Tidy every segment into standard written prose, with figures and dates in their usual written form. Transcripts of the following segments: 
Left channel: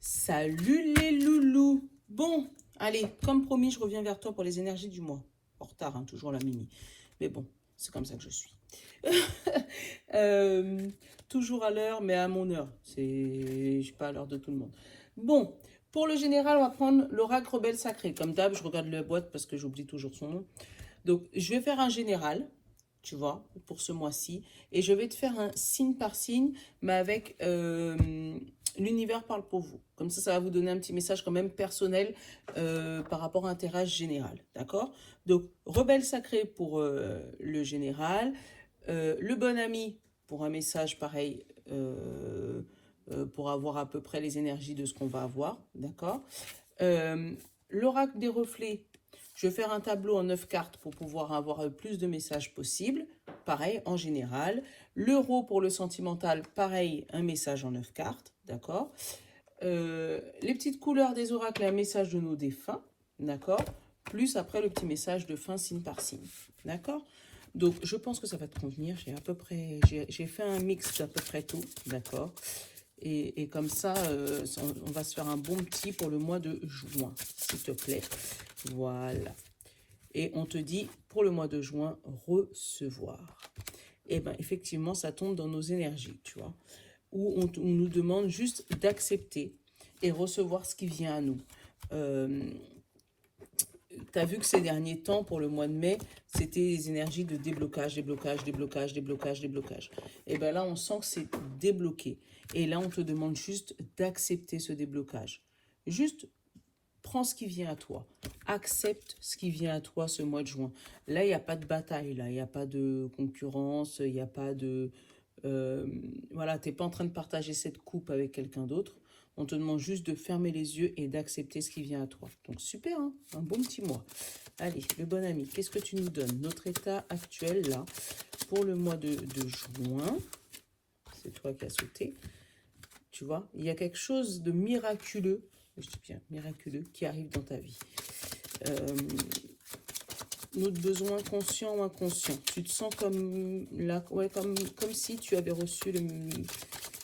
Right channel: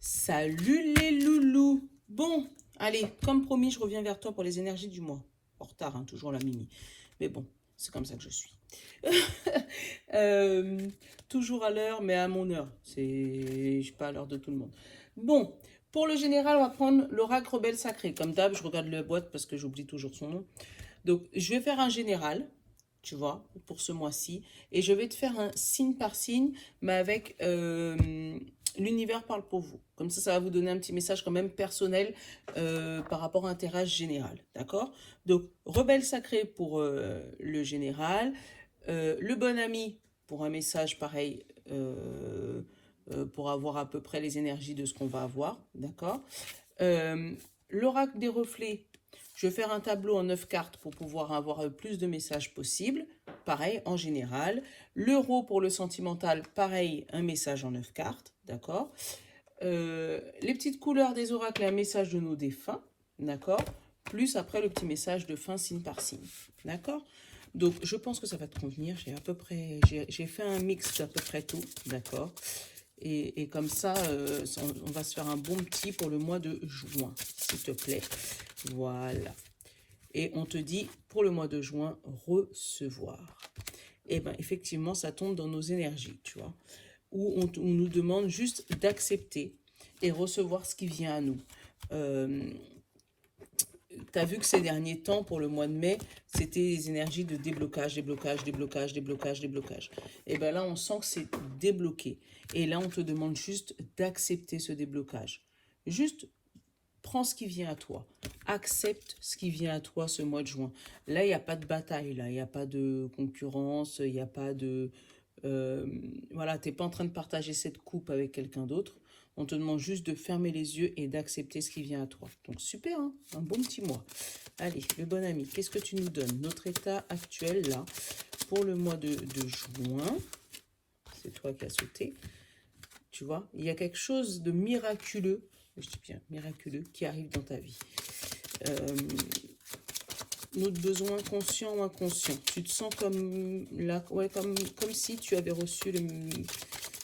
Salut les loulous. Bon, allez, comme promis, je reviens vers toi pour les énergies du mois. En retard, hein, toujours la Mimi. Mais bon, c'est comme ça que je suis. Euh, toujours à l'heure, mais à mon heure. Je suis pas à l'heure de tout le monde. Bon, pour le général, on va prendre l'oracle rebelle sacré. Comme d'hab, je regarde la boîte parce que j'oublie toujours son nom. Donc, je vais faire un général, tu vois, pour ce mois-ci. Et je vais te faire un signe par signe, mais avec l'univers parle pour vous. Comme ça va vous donner un petit message quand même personnel par rapport à un tirage général. D'accord? Donc, rebelle sacré pour le général. Le bon ami pour un message pareil. Pour avoir à peu près les énergies de ce qu'on va avoir. D'accord? Euh, L'oracle des reflets, je vais faire un tableau en 9 cartes pour pouvoir avoir le plus de messages possible. Pareil, en général. L'euro pour le sentimental, pareil, un message en 9 cartes. D'accord. Les petites couleurs des oracles, un message de nos défunts. D'accord. Plus après le petit message de fin signe par signe. D'accord. Donc, je pense que ça va te convenir. J'ai à peu près, j'ai fait un mix d'à peu près tout. D'accord. Et comme ça, on va se faire un bon petit pour le mois de juin, s'il te plaît. Voilà. Et on te dit, pour le mois de juin, recevoir. Et bien, effectivement, ça tombe dans nos énergies, tu vois. Où on nous demande juste d'accepter et recevoir ce qui vient à nous. Euh, tu as vu que ces derniers temps, pour le mois de mai, c'était des énergies de déblocage, déblocage, déblocage, déblocage, déblocage. Et bien là, on sent que c'est débloqué. Et là, on te demande juste d'accepter ce déblocage. Juste prends ce qui vient à toi. Accepte ce qui vient à toi ce mois de juin. Là, il n'y a pas de bataille, là. Il n'y a pas de concurrence, il n'y a pas de... voilà, tu n'es pas en train de partager cette coupe avec quelqu'un d'autre. On te demande juste de fermer les yeux et d'accepter ce qui vient à toi. Donc super, hein, un bon petit mois. Allez, le bon ami, qu'est-ce que tu nous donnes? Notre état actuel, là, pour le mois de juin. C'est toi qui as sauté. Tu vois, il y a quelque chose de miraculeux, je dis bien miraculeux, qui arrive dans ta vie. Notre besoin conscient ou inconscient. Tu te sens comme là, ouais, comme si tu avais reçu le...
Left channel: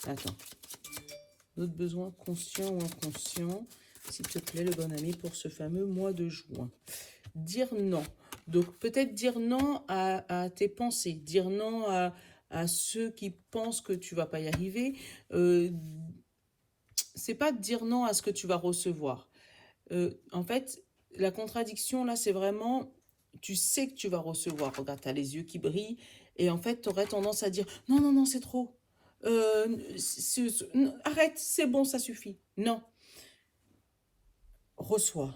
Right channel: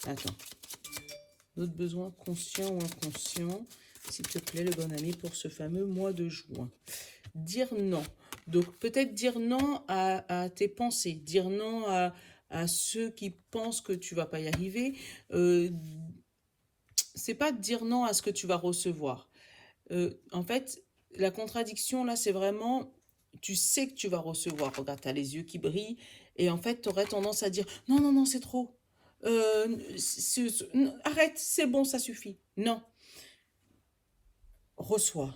Attends. Notre besoin conscient ou inconscient, s'il te plaît, le bon ami, pour ce fameux mois de juin. Dire non. Donc, peut-être dire non à tes pensées, dire non à ceux qui pensent que tu vas pas y arriver. C'est pas dire non à ce que tu vas recevoir. En fait, la contradiction, là, c'est vraiment, tu sais que tu vas recevoir. Regarde, tu as les yeux qui brillent. Et en fait, tu aurais tendance à dire, non, non, non, c'est trop. Arrête, c'est bon, ça suffit. Non, reçois.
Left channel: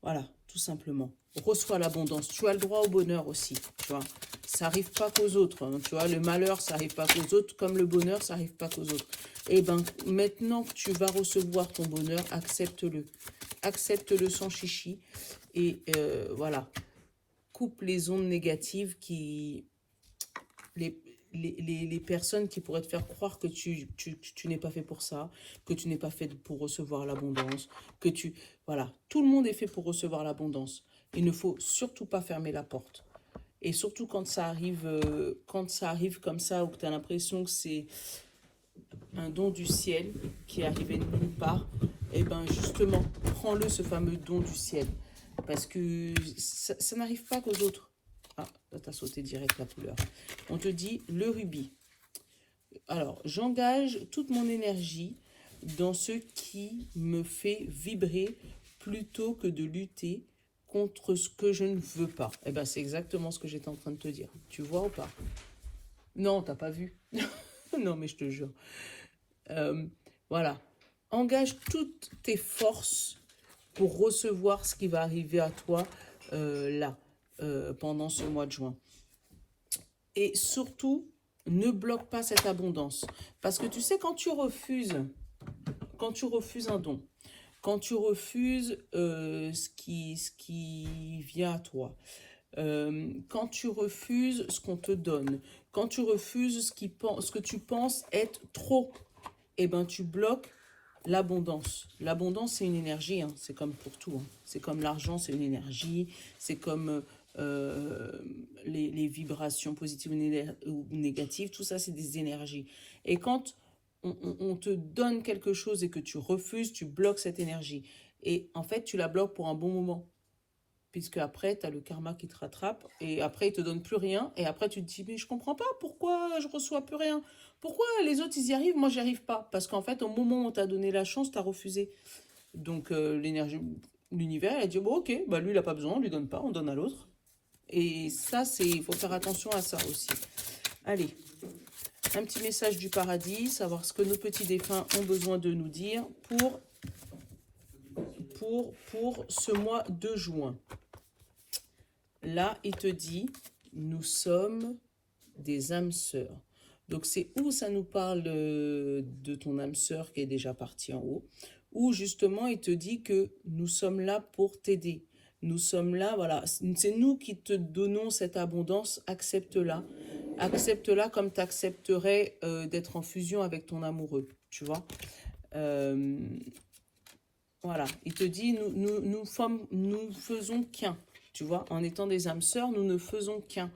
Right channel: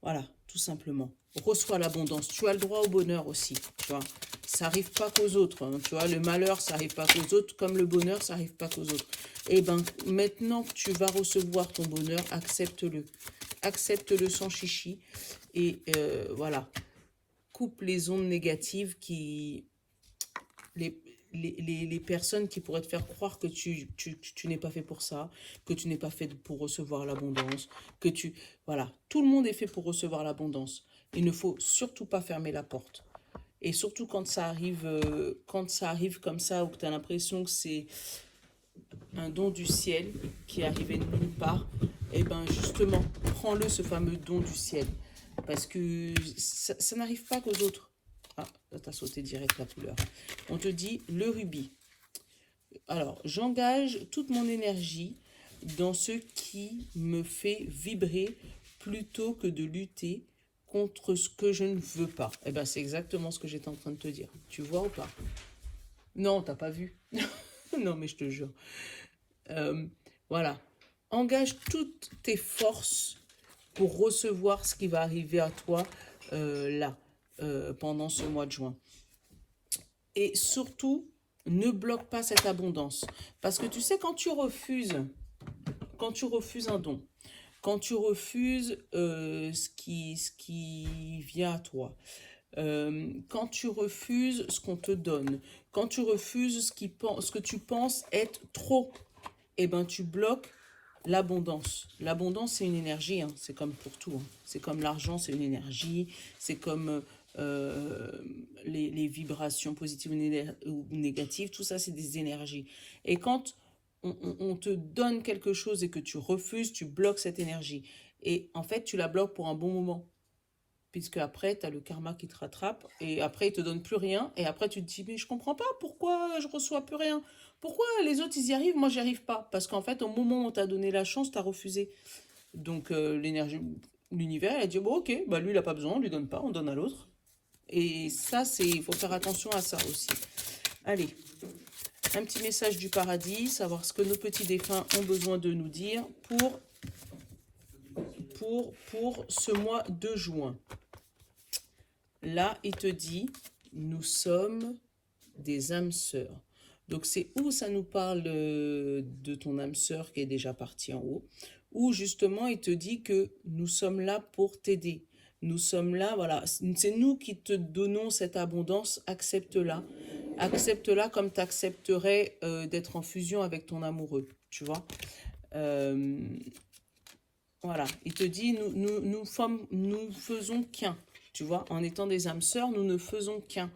Voilà, tout simplement. Reçois l'abondance. Tu as le droit au bonheur aussi, tu vois. Ça n'arrive pas qu'aux autres, hein, tu vois. Le malheur, ça n'arrive pas qu'aux autres, comme le bonheur, ça n'arrive pas qu'aux autres. Et ben, maintenant que tu vas recevoir ton bonheur, accepte-le. Accepte-le sans chichi. Et voilà, coupe les ondes négatives qui... Les, les personnes qui pourraient te faire croire que tu n'es pas fait pour ça, que tu n'es pas fait pour recevoir l'abondance, que tu... Voilà, tout le monde est fait pour recevoir l'abondance. Il ne faut surtout pas fermer la porte. Et surtout quand ça arrive comme ça, ou que tu as l'impression que c'est un don du ciel qui est arrivé de nulle part, et ben justement, prends-le, ce fameux don du ciel. Parce que ça n'arrive pas qu'aux autres. Ah, là, t'as sauté direct la couleur. On te dit le rubis. Alors, j'engage toute mon énergie dans ce qui me fait vibrer plutôt que de lutter contre ce que je ne veux pas. Eh ben, c'est exactement ce que j'étais en train de te dire. Tu vois ou pas? Non, t'as pas vu. Non, mais je te jure. Euh, voilà. Engage toutes tes forces pour recevoir ce qui va arriver à toi là, pendant ce mois de juin. Et surtout, ne bloque pas cette abondance. Parce que tu sais, quand tu refuses un don, quand tu refuses ce qui vient à toi, quand tu refuses ce qu'on te donne, quand tu refuses ce que tu penses être trop, eh ben tu bloques l'abondance. L'abondance, c'est une énergie, hein. C'est comme pour tout, hein. C'est comme l'argent, c'est une énergie. C'est comme les vibrations positives ou négatives. Tout ça, c'est des énergies. Et quand on te donne quelque chose et que tu refuses, tu bloques cette énergie. Et en fait, tu la bloques pour un bon moment. Puisque après, tu as le karma qui te rattrape, et après, il te donne plus rien, et après, tu te dis, mais je comprends pas, pourquoi je reçois plus rien? Pourquoi les autres, ils y arrivent, moi, j'y arrive pas? Parce qu'en fait, au moment où on t'a donné la chance, tu as refusé. Donc, l'énergie, l'univers, il a dit, bon, ok, bah lui, il a pas besoin, on lui donne pas, on donne à l'autre. Et ça, il faut faire attention à ça aussi. Allez, un petit message du paradis, savoir ce que nos petits défunts ont besoin de nous dire pour ce mois de juin. Là, il te dit, nous sommes des âmes sœurs. Donc, c'est où ça nous parle de ton âme sœur qui est déjà partie en haut, où justement, il te dit que nous sommes là pour t'aider. Nous sommes là, voilà, c'est nous qui te donnons cette abondance, accepte-la. Accepte-la comme tu accepterais d'être en fusion avec ton amoureux, tu vois. Euh, voilà, il te dit, nous faisons qu'un, tu vois. En étant des âmes sœurs, nous ne faisons qu'un.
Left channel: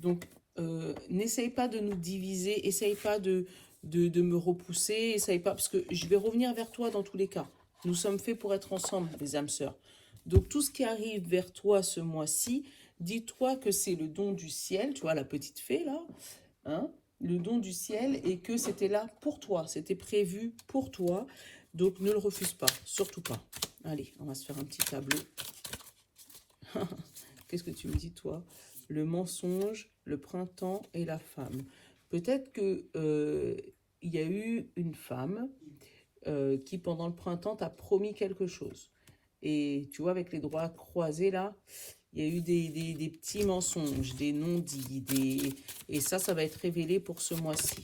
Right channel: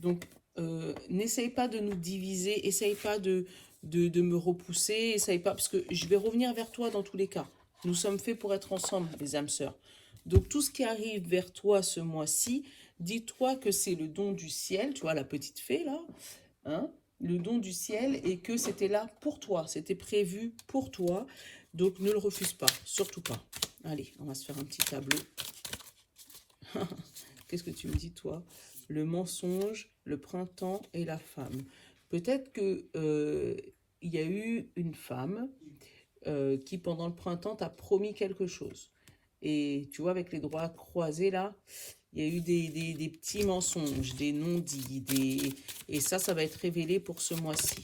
Donc, n'essaye pas de nous diviser, essaye pas de me repousser, essaye pas, parce que je vais revenir vers toi dans tous les cas. Nous sommes faits pour être ensemble, les âmes sœurs. Donc, tout ce qui arrive vers toi ce mois-ci, dis-toi que c'est le don du ciel, tu vois, la petite fée là, hein, le don du ciel, et que c'était là pour toi, c'était prévu pour toi. Donc, ne le refuse pas, surtout pas. Allez, on va se faire un petit tableau. Qu'est-ce que tu me dis, toi? Le mensonge, le printemps et la femme. Peut-être que il y a eu une femme qui, pendant le printemps, t'a promis quelque chose. Et tu vois, avec les doigts croisés, là, il y a eu des petits mensonges, des non-dits, et ça va être révélé pour ce mois-ci.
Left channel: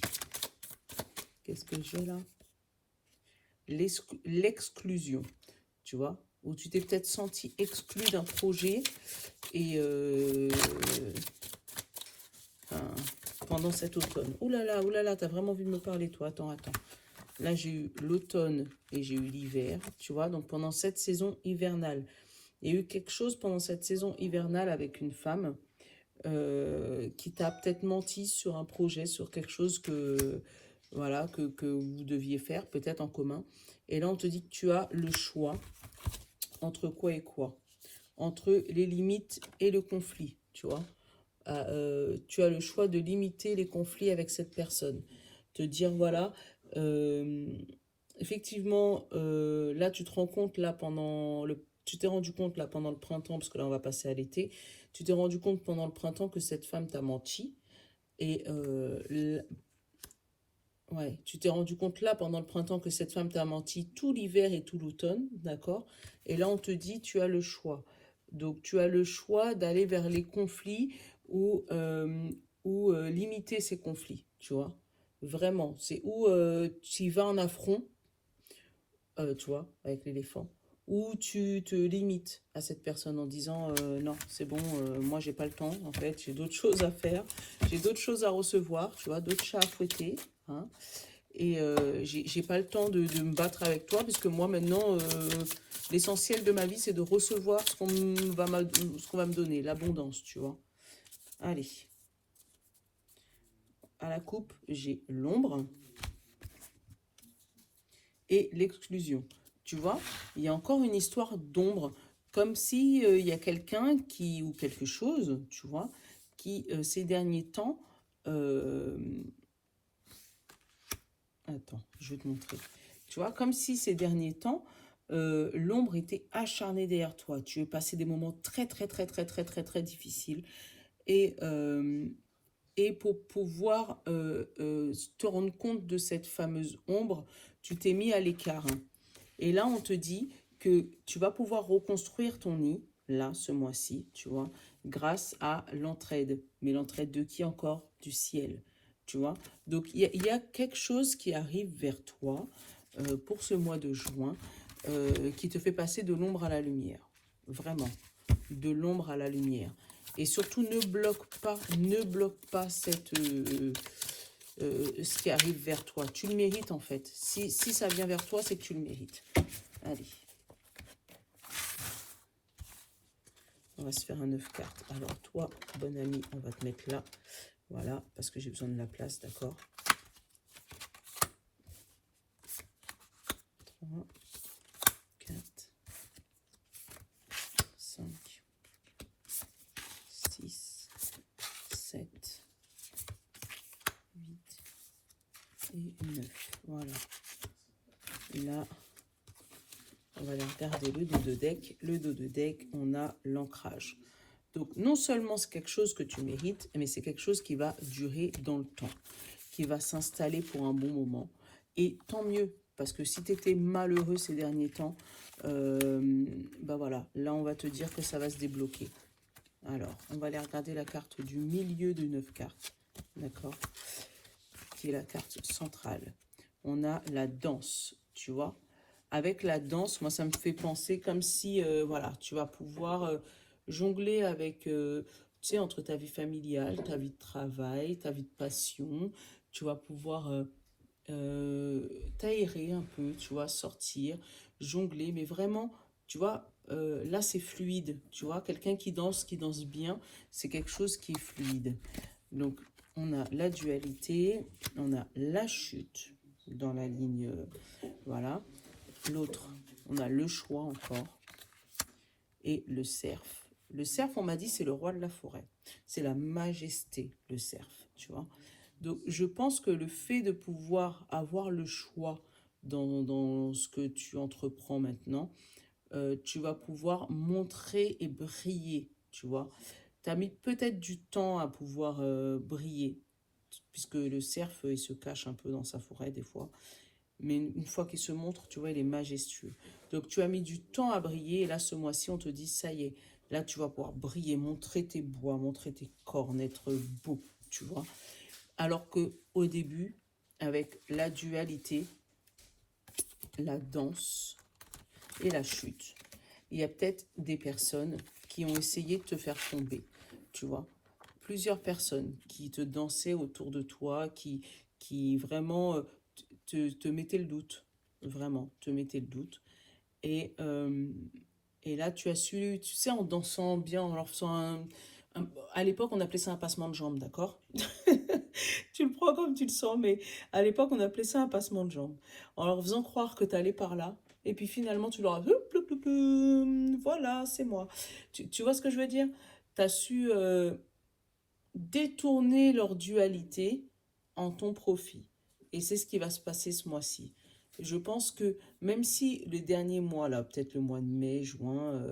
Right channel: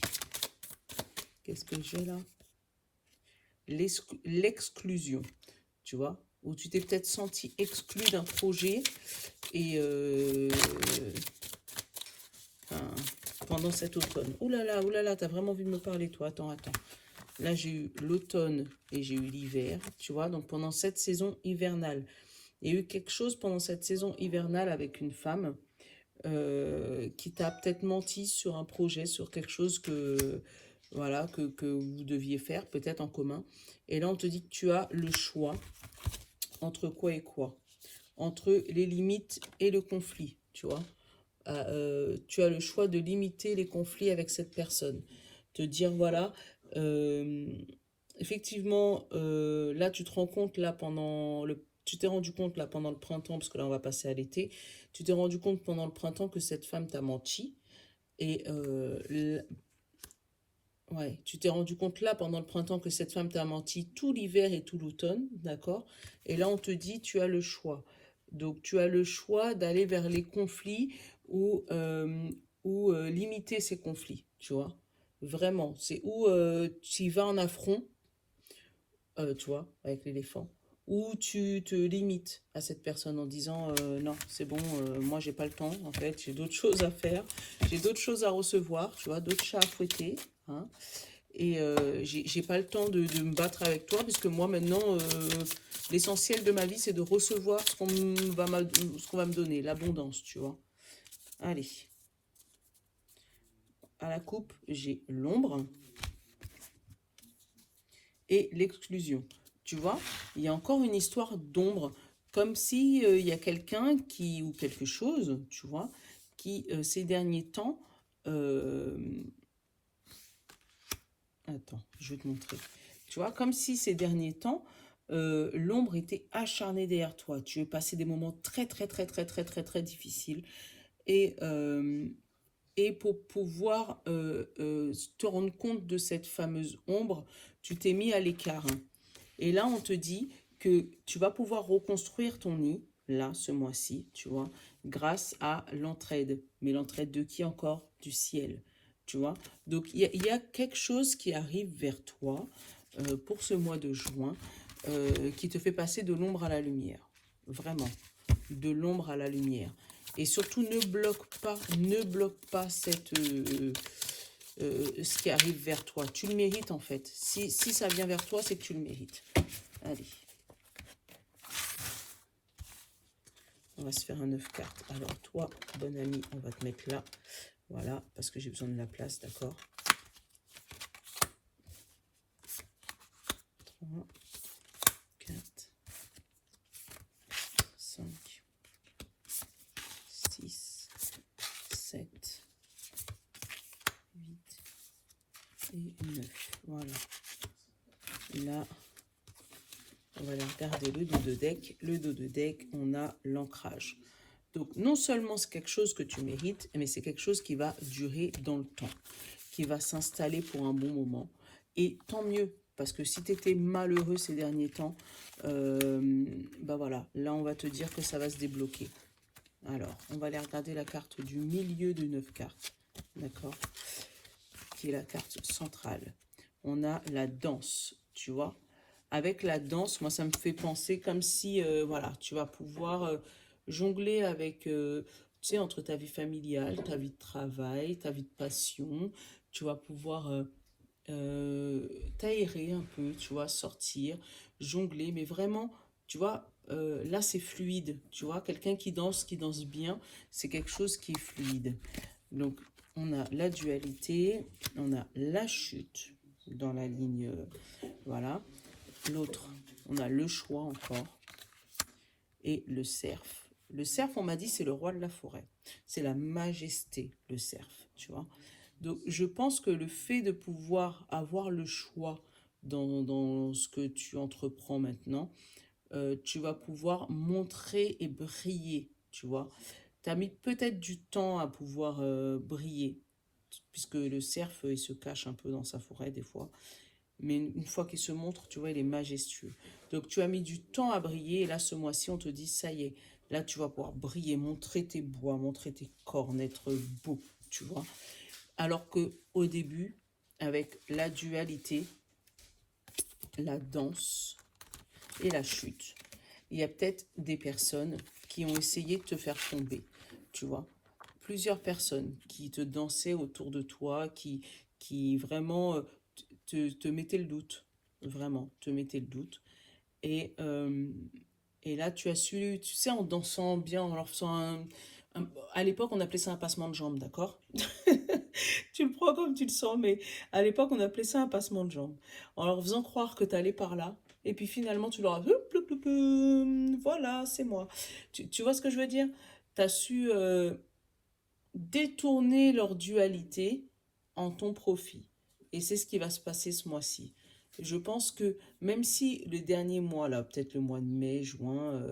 Qu'est-ce que j'ai là? L'exclusion, tu vois, où tu t'es peut-être senti exclu d'un projet et enfin, pendant cet automne. Oh là là, t'as vraiment envie de me parler, toi. Attends. Là, j'ai eu l'automne et j'ai eu l'hiver, tu vois. Donc, pendant cette saison hivernale, il y a eu quelque chose pendant cette saison hivernale avec une femme qui t'a peut-être menti sur un projet, sur quelque chose voilà, que vous deviez faire, peut-être en commun. Et là, on te dit que tu as le choix entre quoi et quoi? Entre les limites et le conflit, tu vois. Tu as le choix de limiter les conflits avec cette personne. Te dire, voilà, effectivement, là, tu te rends compte, là, tu t'es rendu compte, là, pendant le printemps, parce que là, on va passer à l'été, tu t'es rendu compte pendant le printemps que cette femme t'a menti. Et ouais, tu t'es rendu compte là pendant le printemps que cette femme t'a menti tout l'hiver et tout l'automne, d'accord? Et là, on te dit, tu as le choix. Donc, tu as le choix d'aller vers les conflits ou limiter ces conflits, tu vois? Vraiment, c'est où tu y vas en affront, tu vois, avec l'éléphant, ou tu te limites à cette personne en disant non, c'est bon, moi j'ai pas le temps, en fait, j'ai d'autres choses à faire, j'ai d'autres choses à recevoir, tu vois, d'autres chats à fouetter, hein, et j'ai pas le temps de me battre avec toi, puisque moi maintenant, l'essentiel de ma vie, c'est de recevoir ce qu'on va me donner, l'abondance, tu vois. Allez, à la coupe, j'ai l'ombre et l'exclusion. Tu vois, il y a encore une histoire d'ombre, comme si il y a quelqu'un ou quelque chose, tu vois, qui ces derniers temps, euh, attends, je vais te montrer. Tu vois, comme si ces derniers temps, l'ombre était acharnée derrière toi. Tu es passé des moments très difficiles. Et, euh, et pour pouvoir te rendre compte de cette fameuse ombre, tu t'es mis à l'écart, hein. Et là, on te dit que tu vas pouvoir reconstruire ton nid, là, ce mois-ci, tu vois, grâce à l'entraide. Mais l'entraide de qui encore? Du ciel, tu vois. Donc, il y a quelque chose qui arrive vers toi pour ce mois de juin qui te fait passer de l'ombre à la lumière. Vraiment, de l'ombre à la lumière. Et surtout, ne bloque pas ce qui arrive vers toi. Tu le mérites en fait. Si ça vient vers toi, c'est que tu le mérites. Allez. On va se faire un 9 cartes. Alors toi, bon ami, on va te mettre là. Voilà, parce que j'ai besoin de la place, d'accord? 3, 4, 5, 6, 7, 8 et 9. Voilà. Et là, on va aller regarder le dos de deck. Le dos de deck, on a l'ancrage. Donc, non seulement c'est quelque chose que tu mérites, mais c'est quelque chose qui va durer dans le temps, qui va s'installer pour un bon moment. Et tant mieux, parce que si tu étais malheureux ces derniers temps, bah voilà, là on va te dire que ça va se débloquer. Alors, on va aller regarder la carte du milieu de 9 cartes, d'accord, qui est la carte centrale. On a la danse, tu vois. Avec la danse, moi ça me fait penser comme si, voilà, tu vas pouvoir jongler avec, tu sais, entre ta vie familiale, ta vie de travail, ta vie de passion. Tu vas pouvoir t'aérer un peu, tu vois, sortir, jongler, mais vraiment, tu vois, là c'est fluide, tu vois, quelqu'un qui danse bien, c'est quelque chose qui est fluide. Donc, on a la dualité, on a la chute dans la ligne, voilà. L'autre, on a le choix encore et le cerf. Le cerf, on m'a dit, c'est le roi de la forêt. C'est la majesté, le cerf, tu vois. Donc, je pense que le fait de pouvoir avoir le choix dans ce que tu entreprends maintenant, tu vas pouvoir montrer et briller, tu vois. Tu as mis peut-être du temps à pouvoir briller, puisque le cerf, il se cache un peu dans sa forêt des fois. Mais une fois qu'il se montre, tu vois, il est majestueux. Donc, tu as mis du temps à briller. Et là, ce mois-ci, on te dit, ça y est, là, tu vas pouvoir briller, montrer tes bois, montrer tes cornes, être beau, tu vois. Alors que au début, avec la dualité, la danse et la chute, il y a peut-être des personnes qui ont essayé de te faire tomber, tu vois. Plusieurs personnes qui te dansaient autour de toi, qui vraiment te mettaient le doute, vraiment, te mettaient le doute. Et, euh, et là, tu as su, tu sais, en dansant bien, en leur faisant à l'époque, on appelait ça un passement de jambes, d'accord? Tu le prends comme tu le sens, mais à l'époque, on appelait ça un passement de jambes. En leur faisant croire que tu allais par là, et puis finalement, tu leur as... Voilà, c'est moi. Tu vois ce que je veux dire? Tu as su détourner leur dualité en ton profit. Et c'est ce qui va se passer ce mois-ci. Je pense que même si le dernier mois, là, peut-être le mois de mai, juin,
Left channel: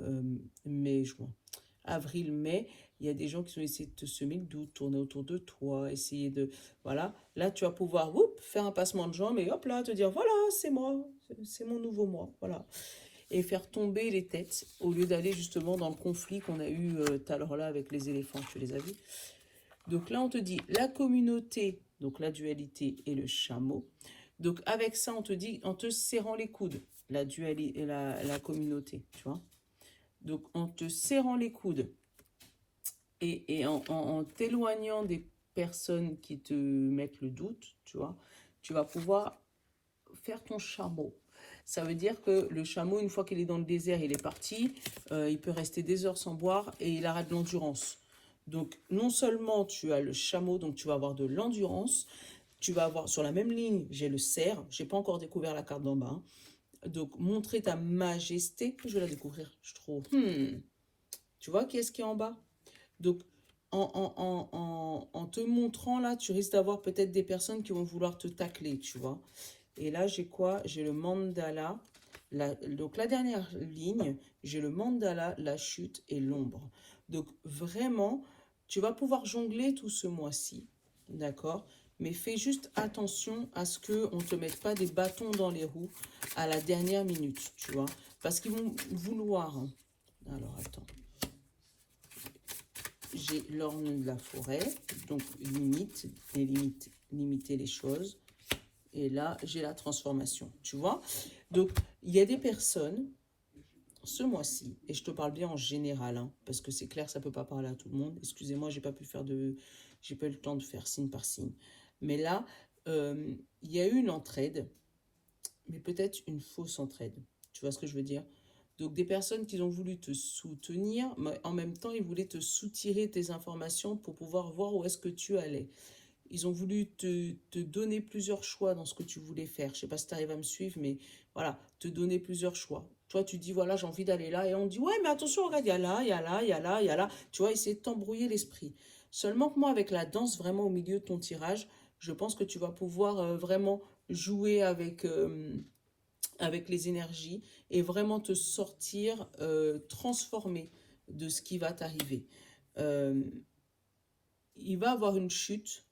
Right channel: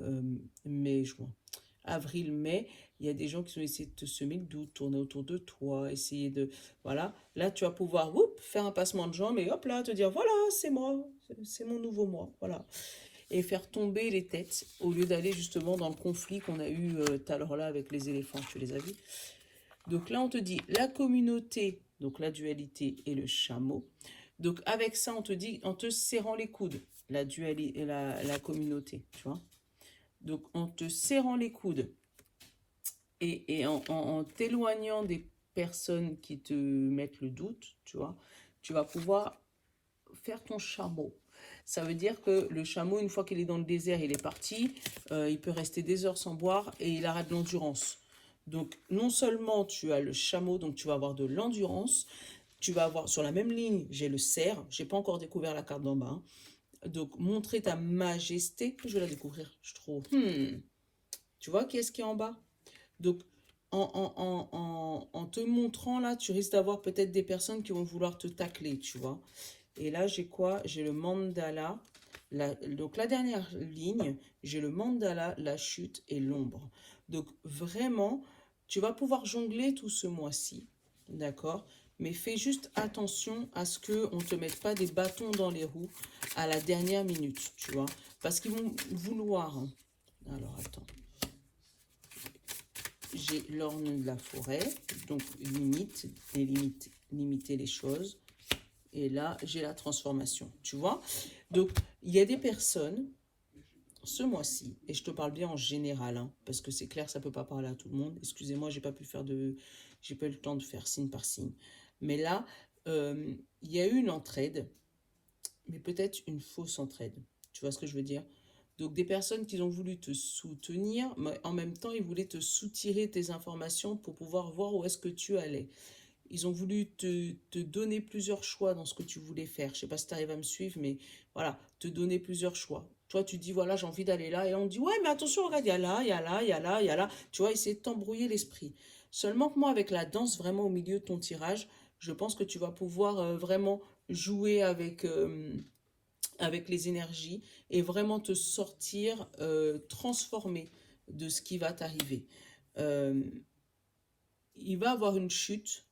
avril, mai, il y a des gens qui ont essayé de te semer le doute, tourner autour de toi, essayer de... Voilà, là, tu vas pouvoir faire un passement de jambes et hop là, te dire, voilà, c'est moi, c'est mon nouveau moi, voilà. Et faire tomber les têtes au lieu d'aller justement dans le conflit qu'on a eu tout à l'heure là avec les éléphants, tu les as vus? Donc là, on te dit la communauté, donc la dualité et le chameau. Donc avec ça, on te dit en te serrant les coudes, la dualité et la communauté, tu vois. Donc en te serrant les coudes et en t'éloignant des personnes qui te mettent le doute, tu vois, tu vas pouvoir faire ton chameau. Ça veut dire que le chameau, une fois qu'il est dans le désert, il est parti, il peut rester des heures sans boire et il aura de l'endurance. Donc, non seulement tu as le chameau, donc tu vas avoir de l'endurance, tu vas avoir sur la même ligne, j'ai le cerf, j'ai pas encore découvert la carte d'en bas, hein. Donc, montrer ta majesté, je vais la découvrir, je trouve. Tu vois qui est-ce qui est en bas? Donc, en te montrant là, tu risques d'avoir peut-être des personnes qui vont vouloir te tacler, tu vois. Et là, j'ai quoi? J'ai le mandala. Donc, la dernière ligne, j'ai le mandala, la chute et l'ombre. Donc, vraiment, tu vas pouvoir jongler tout ce mois-ci. D'accord? Mais fais juste attention à ce qu'on ne te mette pas des bâtons dans les roues à la dernière minute, tu vois. Parce qu'ils vont vouloir, hein. Alors, attends. J'ai l'orne de la forêt, donc limiter les choses. Et là, j'ai la transformation, tu vois. Donc, il y a des personnes, ce mois-ci, et je te parle bien en général, hein, parce que c'est clair, ça ne peut pas parler à tout le monde. Excusez-moi, j'ai pas eu le temps de faire signe par signe. Mais là, il y a eu une entraide, mais peut-être une fausse entraide. Tu vois ce que je veux dire? Donc, des personnes qui ont voulu te soutenir, mais en même temps, ils voulaient te soutirer tes informations pour pouvoir voir où est-ce que tu allais. Ils ont voulu te donner plusieurs choix dans ce que tu voulais faire. Je sais pas si tu arrives à me suivre, mais voilà, te donner plusieurs choix. Toi, tu dis, voilà, j'ai envie d'aller là. Et on dit, ouais, mais attention, regarde, il y a là, il y a là, il y a là, il y a là. Tu vois, essayer de t'embrouiller l'esprit. Seulement que moi, avec la danse, vraiment au milieu de ton tirage, je pense que tu vas pouvoir vraiment jouer avec les énergies et vraiment te sortir transformé de ce qui va t'arriver. Euh, il va avoir une chute,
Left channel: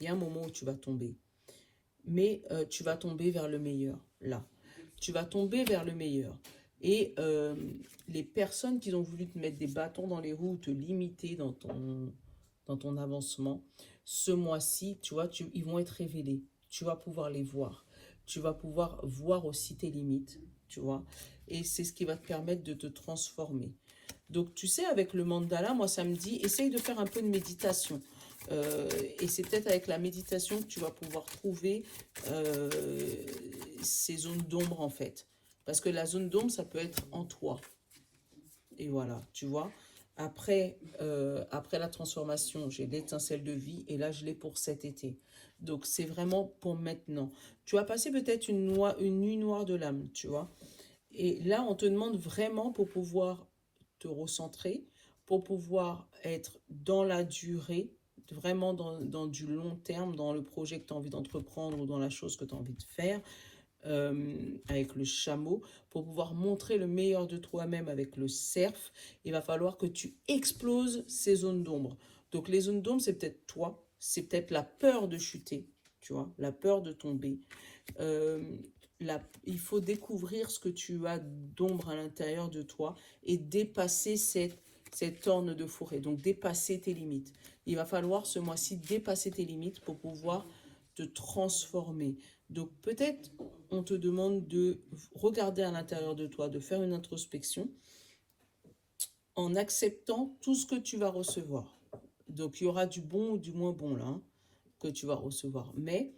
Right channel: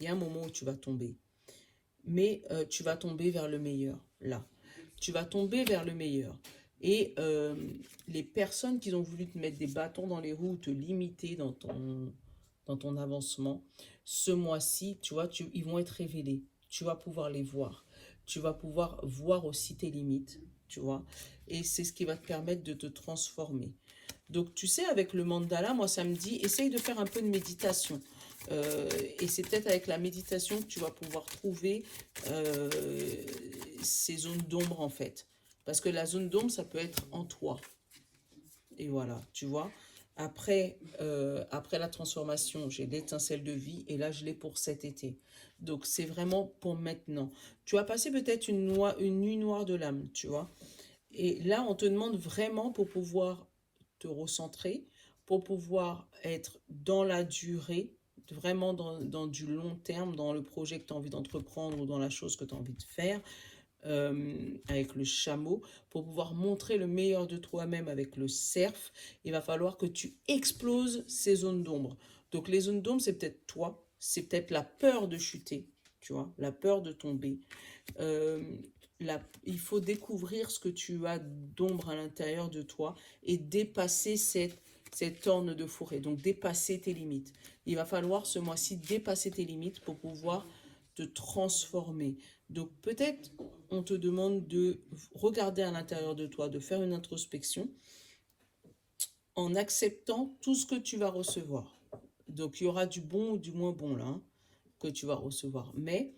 il y a un moment où tu vas tomber, mais tu vas tomber vers le meilleur, là. Tu vas tomber vers le meilleur. Et les personnes qui ont voulu te mettre des bâtons dans les roues, te limiter dans ton avancement, ce mois-ci, tu vois, ils vont être révélés. Tu vas pouvoir les voir. Tu vas pouvoir voir aussi tes limites, tu vois. Et c'est ce qui va te permettre de te transformer. Donc, tu sais, avec le mandala, moi, ça me dit, essaye de faire un peu de méditation. Et c'est peut-être avec la méditation que tu vas pouvoir trouver euh, ces zones d'ombre, en fait. Parce que la zone d'ombre, ça peut être en toi. Et voilà, tu vois. Après la transformation, j'ai l'étincelle de vie et là, je l'ai pour cet été. Donc, c'est vraiment pour maintenant. Tu vas passer peut-être une nuit noire de l'âme, tu vois. Et là, on te demande vraiment pour pouvoir te recentrer, pour pouvoir être dans la durée, vraiment dans du long terme, dans le projet que tu as envie d'entreprendre ou dans la chose que tu as envie de faire, avec le chameau, pour pouvoir montrer le meilleur de toi-même avec le cerf, il va falloir que tu exploses ces zones d'ombre. Donc les zones d'ombre, c'est peut-être toi, c'est peut-être la peur de chuter, tu vois, la peur de tomber. Euh, il faut découvrir ce que tu as d'ombre à l'intérieur de toi et dépasser cette orne de forêt, donc dépasser tes limites. Il va falloir ce mois-ci dépasser tes limites pour pouvoir te transformer. Donc peut-être on te demande de regarder à l'intérieur de toi, de faire une introspection en acceptant tout ce que tu vas recevoir. Donc il y aura du bon ou du moins bon là, hein, que tu vas recevoir. Mais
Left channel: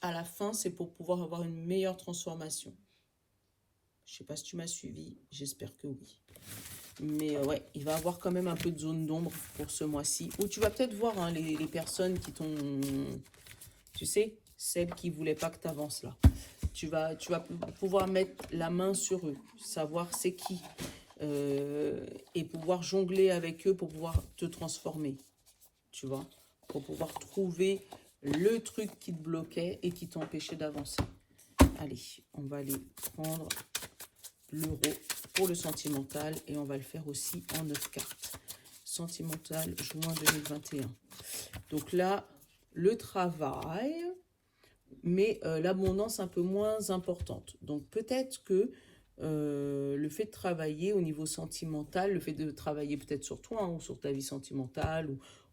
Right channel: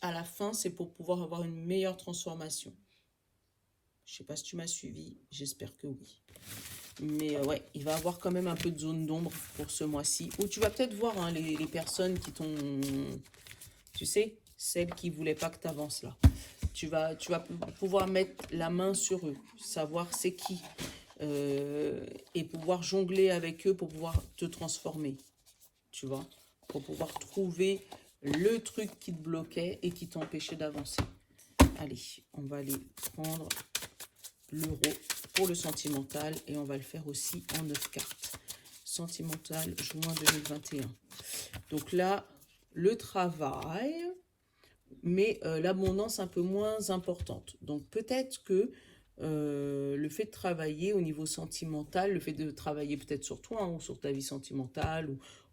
à la fin, c'est pour pouvoir avoir une meilleure transformation. Je ne sais pas si tu m'as suivi, j'espère que oui. Mais ouais, il va y avoir quand même un peu de zone d'ombre pour ce mois-ci. Ou tu vas peut-être voir hein, les personnes qui t'ont... Tu sais, celles qui ne voulaient pas que tu avances là. Tu vas pouvoir mettre la main sur eux, savoir c'est qui. Et pouvoir jongler avec eux pour pouvoir te transformer. Tu vois, pour pouvoir trouver le truc qui te bloquait et qui t'empêchait d'avancer. Allez, on va aller prendre l'euro pour le sentimental et on va le faire aussi en 9 cartes. Sentimental, juin 2021. Donc là, le travail, mais l'abondance un peu moins importante. Donc peut-être que le fait de travailler au niveau sentimental, le fait de travailler peut-être sur toi hein, ou sur ta vie sentimentale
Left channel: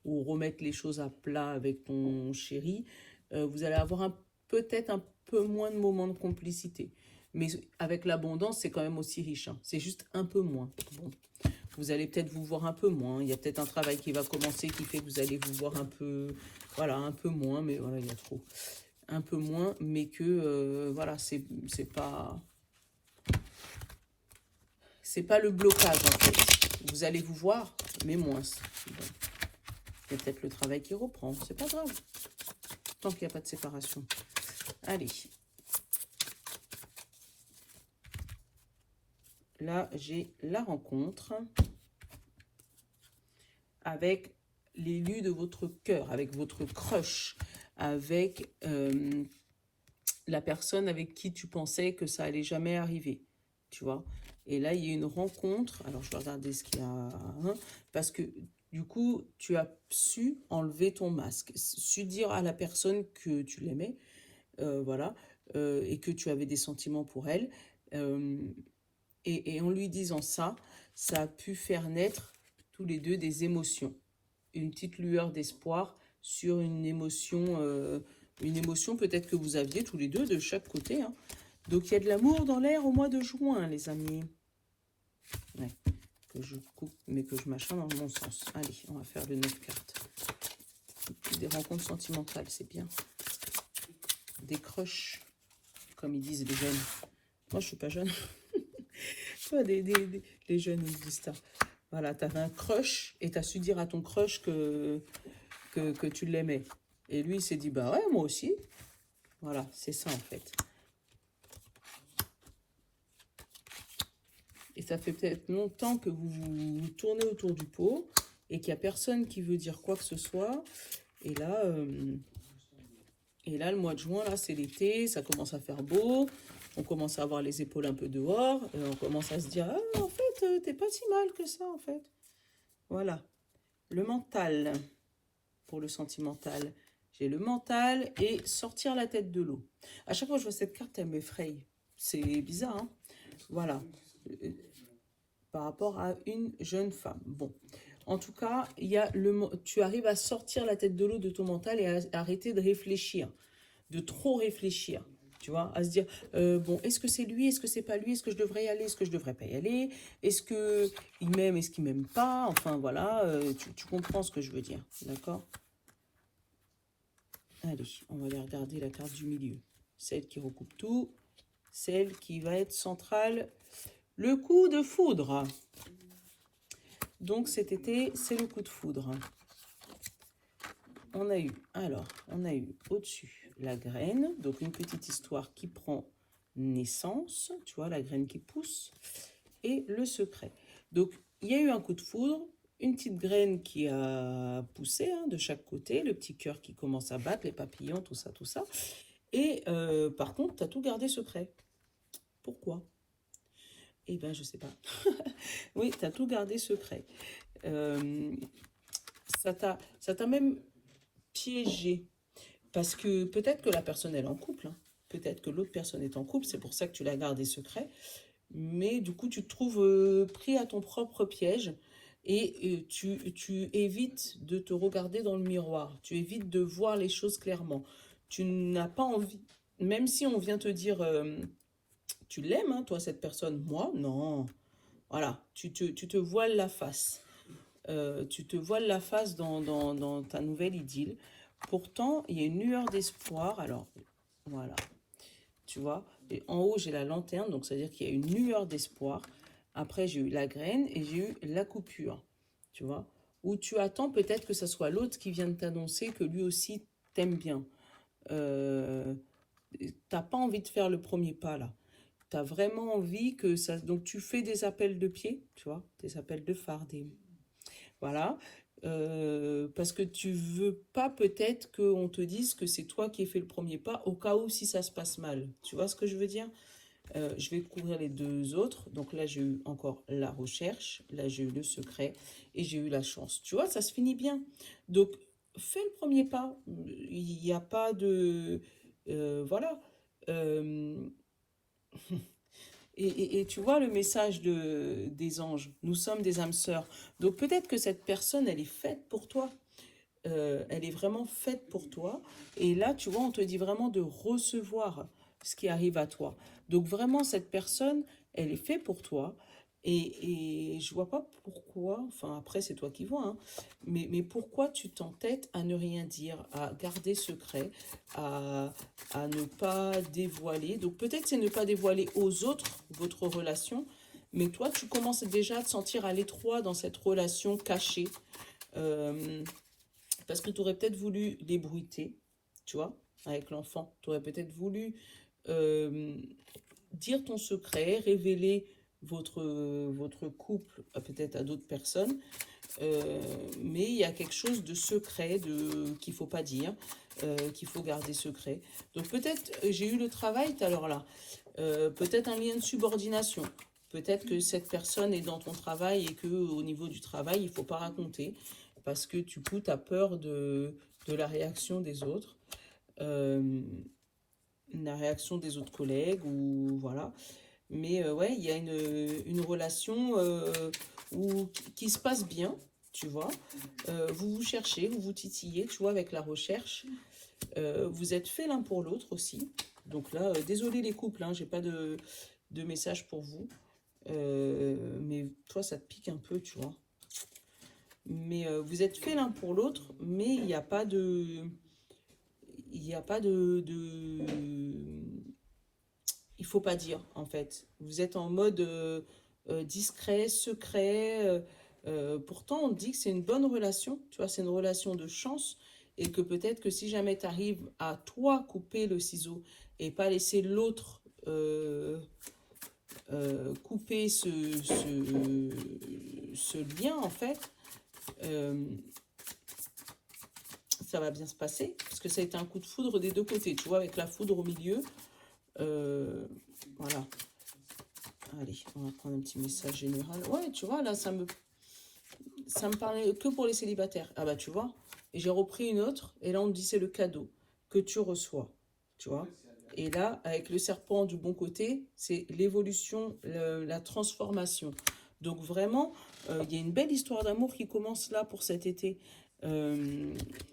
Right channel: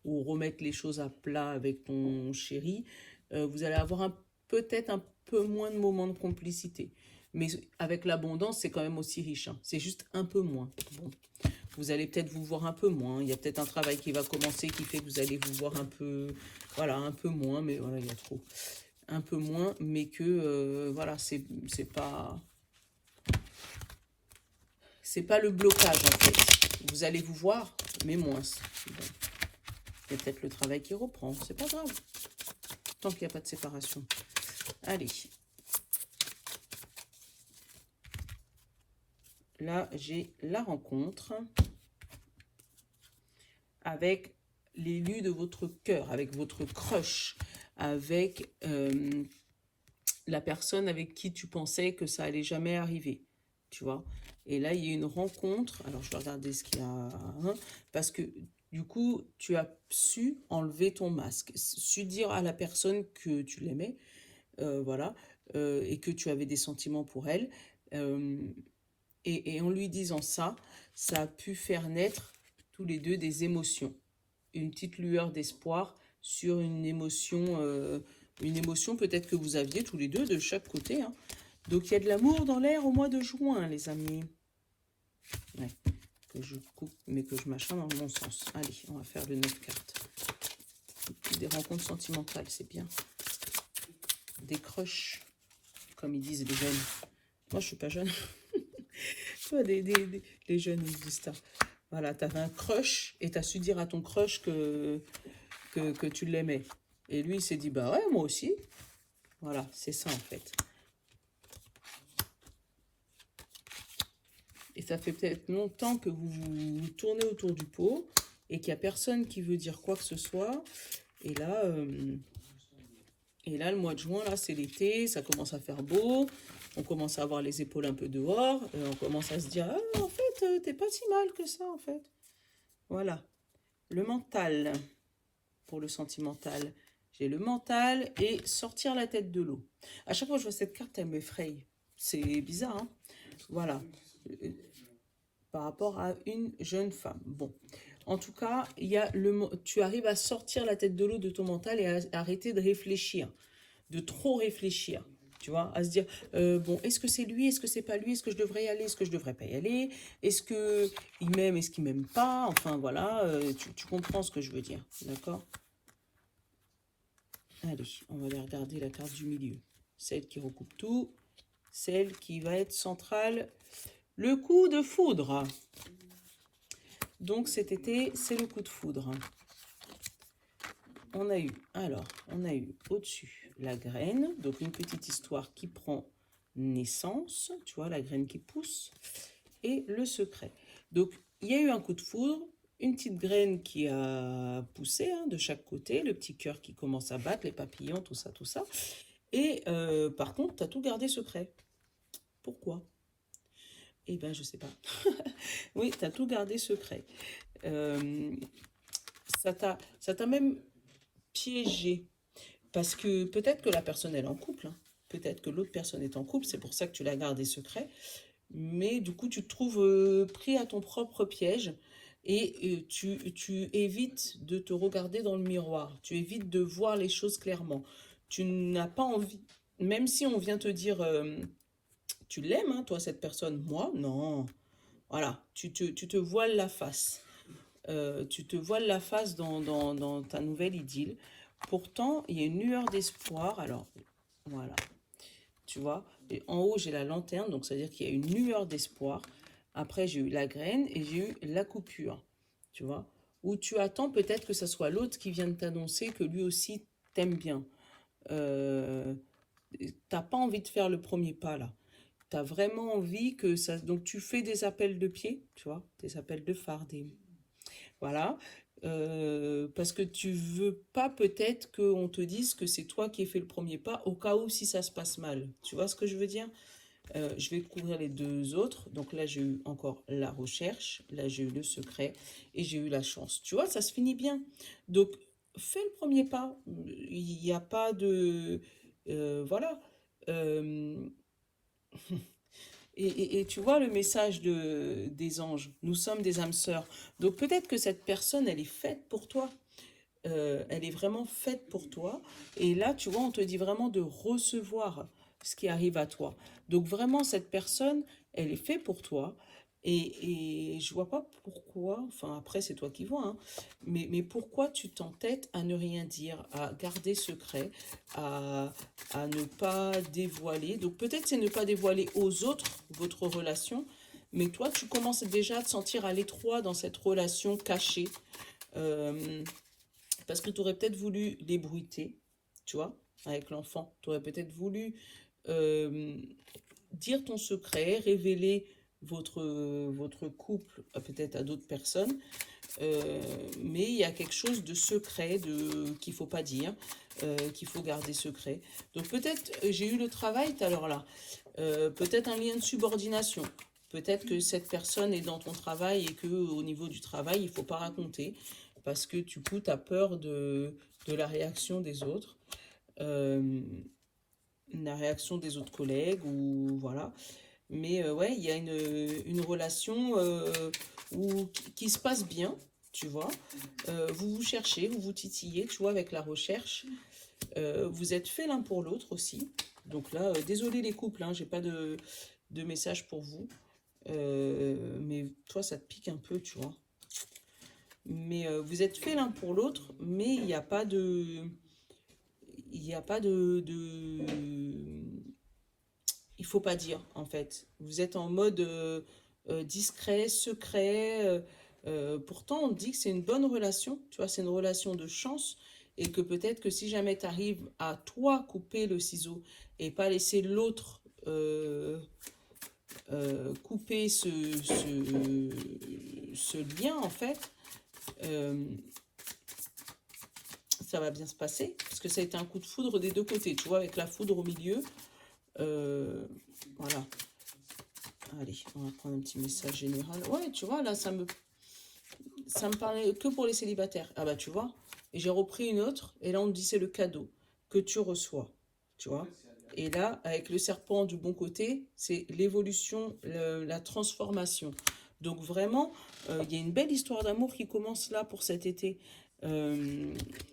ou remettre les choses à plat avec ton chéri, vous allez avoir peut-être un peu moins de moments de complicité. Mais avec l'abondance, c'est quand même aussi riche. Hein. C'est juste un peu moins. Bon. Vous allez peut-être vous voir un peu moins. Il y a peut-être un travail qui va commencer qui fait que vous allez vous voir un peu, voilà, un peu moins. Mais voilà, il y a trop. Un peu moins, mais que, voilà, c'est pas le blocage, en fait. Vous allez vous voir, mais moins. Bon. Il y a peut-être le travail qui reprend. C'est pas grave. Tant qu'il n'y a pas de séparation. Allez. Là, j'ai la rencontre avec l'élu de votre cœur, avec votre crush, avec la personne avec qui tu pensais que ça allait jamais arriver, tu vois. Et là, il y a une rencontre. Alors, je vais regarder ce qu'il y a, hein, parce que du coup, tu as su enlever ton masque, su dire à la personne que tu l'aimais, voilà, et que tu avais des sentiments pour elle. Euh, et en lui disant ça, ça a pu faire naître tous les deux des émotions. Une petite lueur d'espoir sur une émotion peut-être que vous aviez tous les deux de chaque côté. Hein. Donc il y a de l'amour dans l'air au mois de juin, les amis. Ouais, que je coupe, mais que je machin dans le bon sens. Allez, on va faire le 9 cartes. Des rencontres sentimentales, c'est bien. Des crushs, comme ils disent les jeunes. Moi, je suis pas jeune. Les jeunes, ils disent ça. Voilà, t'avais un crush et t'as su dire à ton crush que que tu l'aimais. Et lui, il s'est dit, bah ouais, moi aussi. Voilà, c'est ça en fait. Et ça fait peut-être longtemps que vous tournez autour du pot et qu'il n'y a personne qui veut dire quoi que ce soit. Et là, le mois de juin, là, c'est l'été, ça commence à faire beau. On commence à avoir les épaules un peu dehors. Et on commence à se dire, ah, en fait, t'es pas si mal que ça, en fait. Voilà. Le mental, pour le sentimental. J'ai le mental et sortir la tête de l'eau. À chaque fois que je vois cette carte, elle m'effraie. C'est bizarre, hein? Voilà. Par rapport à une jeune femme. Bon. En tout cas, tu arrives à sortir la tête de l'eau de ton mental et à arrêter de réfléchir, de trop réfléchir. Tu vois, à se dire, bon, est-ce que c'est lui, est-ce que c'est pas lui, est-ce que je devrais y aller, est-ce que je devrais pas y aller, est-ce que il m'aime, est-ce qu'il m'aime pas, enfin voilà, tu comprends ce que je veux dire, d'accord? Allez, on va aller regarder la carte du milieu, celle qui recoupe tout, celle qui va être centrale, le coup de foudre. Donc cet été, c'est le coup de foudre. On a eu au-dessus la graine, donc une petite histoire qui prend naissance, tu vois, la graine qui pousse, et le secret. Donc, il y a eu un coup de foudre, une petite graine qui a poussé hein, de chaque côté, le petit cœur qui commence à battre, les papillons, tout ça, tout ça. Et par contre, tu as tout gardé secret. Pourquoi? Eh ben, je sais pas. Oui, tu as tout gardé secret. Euh, ça t'a même piégé. Parce que peut-être que la personne elle est en couple, hein. Peut-être que l'autre personne est en couple, c'est pour ça que tu l'as gardé secret. Mais du coup, tu te trouves pris à ton propre piège et tu évites de te regarder dans le miroir. Tu évites de voir les choses clairement. Tu n'as pas envie, même si on vient te dire, tu l'aimes, hein, toi, cette personne, moi, non. Voilà, tu te voiles la face. Tu te voiles la face dans ta nouvelle idylle. Pourtant, il y a une lueur d'espoir. Alors, voilà, tu vois. Et en haut, j'ai la lanterne, donc ça veut dire qu'il y a une lueur d'espoir. Après, j'ai eu la graine et j'ai eu la coupure, tu vois. Où tu attends peut-être que ce soit l'autre qui vienne t'annoncer que lui aussi t'aime bien. Euh, T'as pas envie de faire le premier pas, là. T'as vraiment envie que ça... Donc, tu fais des appels de pied, tu vois, des appels de phare, voilà. Parce que tu veux pas peut-être qu'on te dise que c'est toi qui as fait le premier pas au cas où si ça se passe mal. Tu vois ce que je veux dire? Je vais couvrir les deux autres. Donc là, j'ai eu encore la recherche. Là, j'ai eu le secret. Et j'ai eu la chance. Tu vois, ça se finit bien. Donc, fais le premier pas. Il n'y a pas de... voilà. Euh, et tu vois le message des anges. Nous sommes des âmes sœurs. Donc peut-être que cette personne, elle est faite pour toi. Elle est vraiment faite pour toi. Et là, tu vois, on te dit vraiment de recevoir ce qui arrive à toi. Donc vraiment, cette personne, elle est faite pour toi. Et je vois pas pourquoi, enfin après c'est toi qui vois, hein, mais pourquoi tu t'entêtes à ne rien dire, à garder secret, à ne pas dévoiler. Donc peut-être c'est ne pas dévoiler aux autres votre relation, mais toi tu commences déjà à te sentir à l'étroit dans cette relation cachée. Euh, Parce que tu aurais peut-être voulu l'ébruiter, tu vois, avec l'enfant. Tu aurais peut-être voulu euh, dire ton secret, révéler votre couple peut-être à d'autres personnes. Mais il y a quelque chose de secret qu'il ne faut pas dire, qu'il faut garder secret. Donc peut-être, j'ai eu le travail tout à l'heure là, peut-être un lien de subordination. Peut-être que cette personne est dans ton travail et que au niveau du travail, il ne faut pas raconter parce que du coup, tu as peur de la réaction des autres, la réaction des autres collègues ou voilà. Mais ouais, il y a une relation qui se passe bien, tu vois. Vous vous cherchez, vous vous titillez, tu vois, avec la recherche. Vous êtes fait l'un pour l'autre aussi. Donc là, désolé les couples, hein, j'ai pas de message pour vous. Mais toi, ça te pique un peu, tu vois. Mais vous êtes fait l'un pour l'autre, mais il n'y a pas de... Il n'y a pas il faut pas dire, en fait. Vous êtes en mode discret, secret. Pourtant, on dit que c'est une bonne relation. Tu vois, c'est une relation de chance. et que peut-être que si jamais tu arrives à toi couper le ciseau et pas laisser l'autre couper ce lien, en fait, euh, ça va bien se passer, parce que ça a été un coup de foudre des deux côtés, tu vois, avec la foudre au milieu. Voilà. Allez, on va prendre un petit message général. Ouais, tu vois, là, ça me parlait que pour les célibataires. Ah bah, tu vois. Et j'ai repris une autre, et là, on me dit c'est le cadeau que tu reçois, tu vois. Et là, avec le serpent du bon côté, c'est l'évolution, la transformation. Donc vraiment, il y a une belle histoire d'amour qui commence là pour cet été. Euh,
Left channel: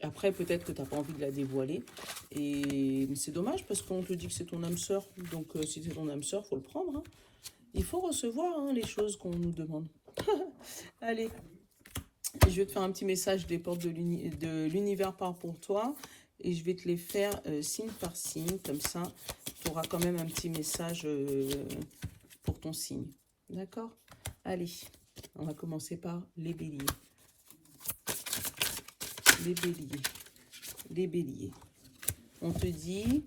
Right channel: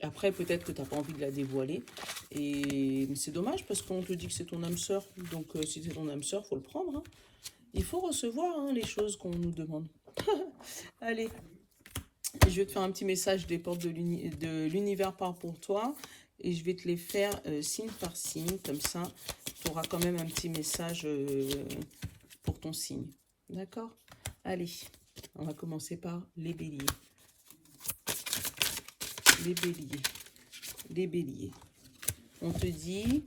Après, peut-être que tu n'as pas envie de la dévoiler. Mais c'est dommage parce qu'on te dit que c'est ton âme sœur. Donc si c'est ton âme sœur, faut le prendre, hein. Il faut recevoir, hein, les choses qu'on nous demande. Allez, je vais te faire un petit message des portes de l'univers part pour toi. Et je vais te les faire signe par signe. Comme ça, tu auras quand même un petit message pour ton signe. D'accord? Allez, on va commencer par les béliers. Les béliers. Les béliers. On te dit,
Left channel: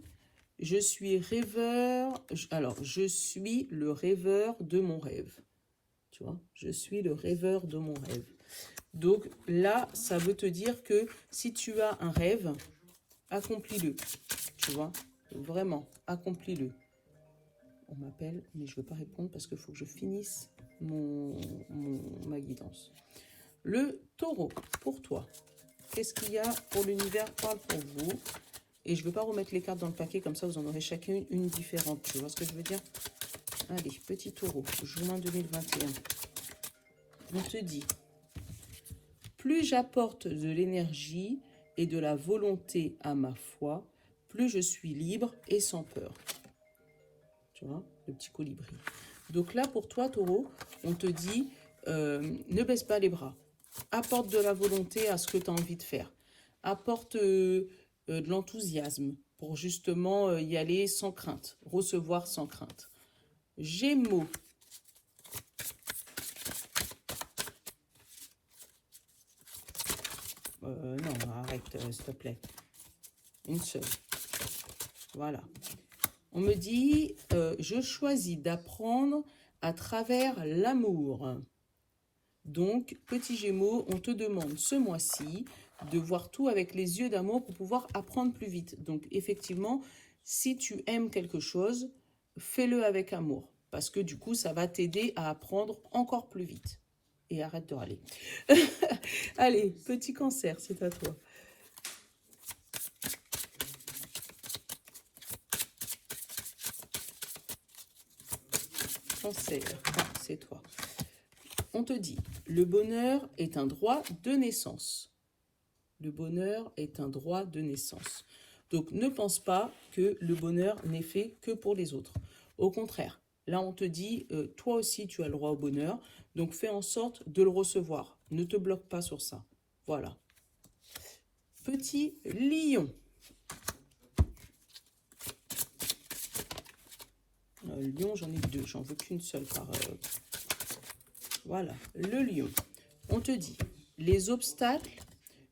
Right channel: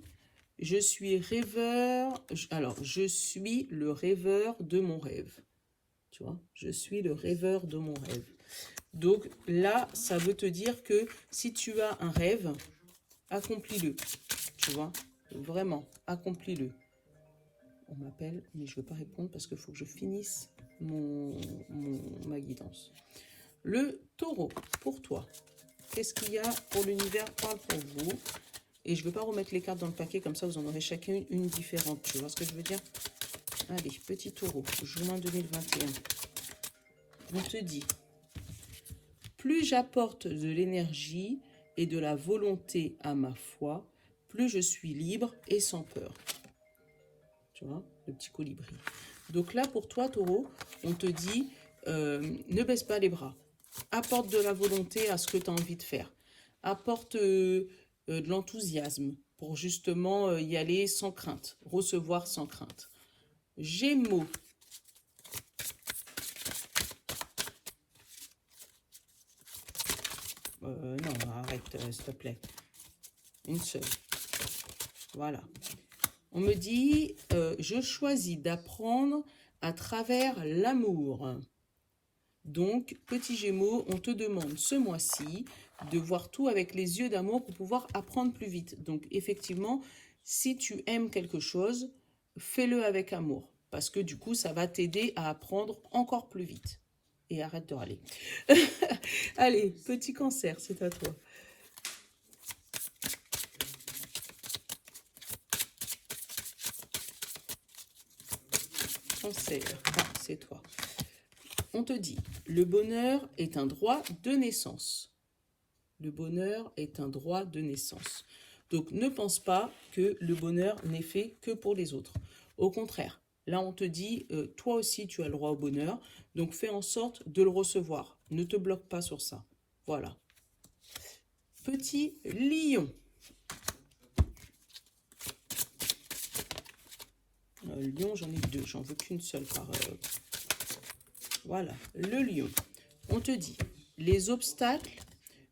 je suis rêveur. Alors, je suis le rêveur de mon rêve. Tu vois? Je suis le rêveur de mon rêve. Donc là, ça veut te dire que si tu as un rêve, accomplis-le. Tu vois? Vraiment, accomplis-le. On m'appelle, mais je ne veux pas répondre parce qu'il faut que je finisse ma guidance. Le taureau, pour toi. Qu'est-ce qu'il y a pour l'univers parle pour vous? Et je ne veux pas remettre les cartes dans le paquet, comme ça vous en aurez chacune une différente. Tu vois ce que je veux dire? Allez, petit taureau, juin 2021. On te dit, plus j'apporte de l'énergie et de la volonté à ma foi, plus je suis libre et sans peur. Tu vois, le petit colibri. Donc là, pour toi, taureau, on te dit, ne baisse pas les bras. Apporte de la volonté à ce que tu as envie de faire. Apporte de l'enthousiasme pour justement y aller sans crainte, recevoir sans crainte. Gémeaux. Non, arrête, s'il te plaît. Une seule. Voilà. On me dit, je choisis d'apprendre à travers l'amour. Donc, petit Gémeaux, on te demande ce mois-ci de voir tout avec les yeux d'amour pour pouvoir apprendre plus vite. Donc, effectivement, si tu aimes quelque chose, fais-le avec amour. Parce que du coup, ça va t'aider à apprendre encore plus vite. Et arrête de râler. Allez, petit Cancer, c'est à toi. Cancer, c'est toi. On te dit, le bonheur est un droit de naissance. Le bonheur est un droit de naissance. Donc, ne pense pas que le bonheur n'est fait que pour les autres. Au contraire, là, on te dit, toi aussi, tu as le droit au bonheur. Donc, fais en sorte de le recevoir. Ne te bloque pas sur ça. Voilà. Petit lion. Lion, j'en ai deux. J'en veux qu'une seule par... Voilà, le lion. On te dit, les obstacles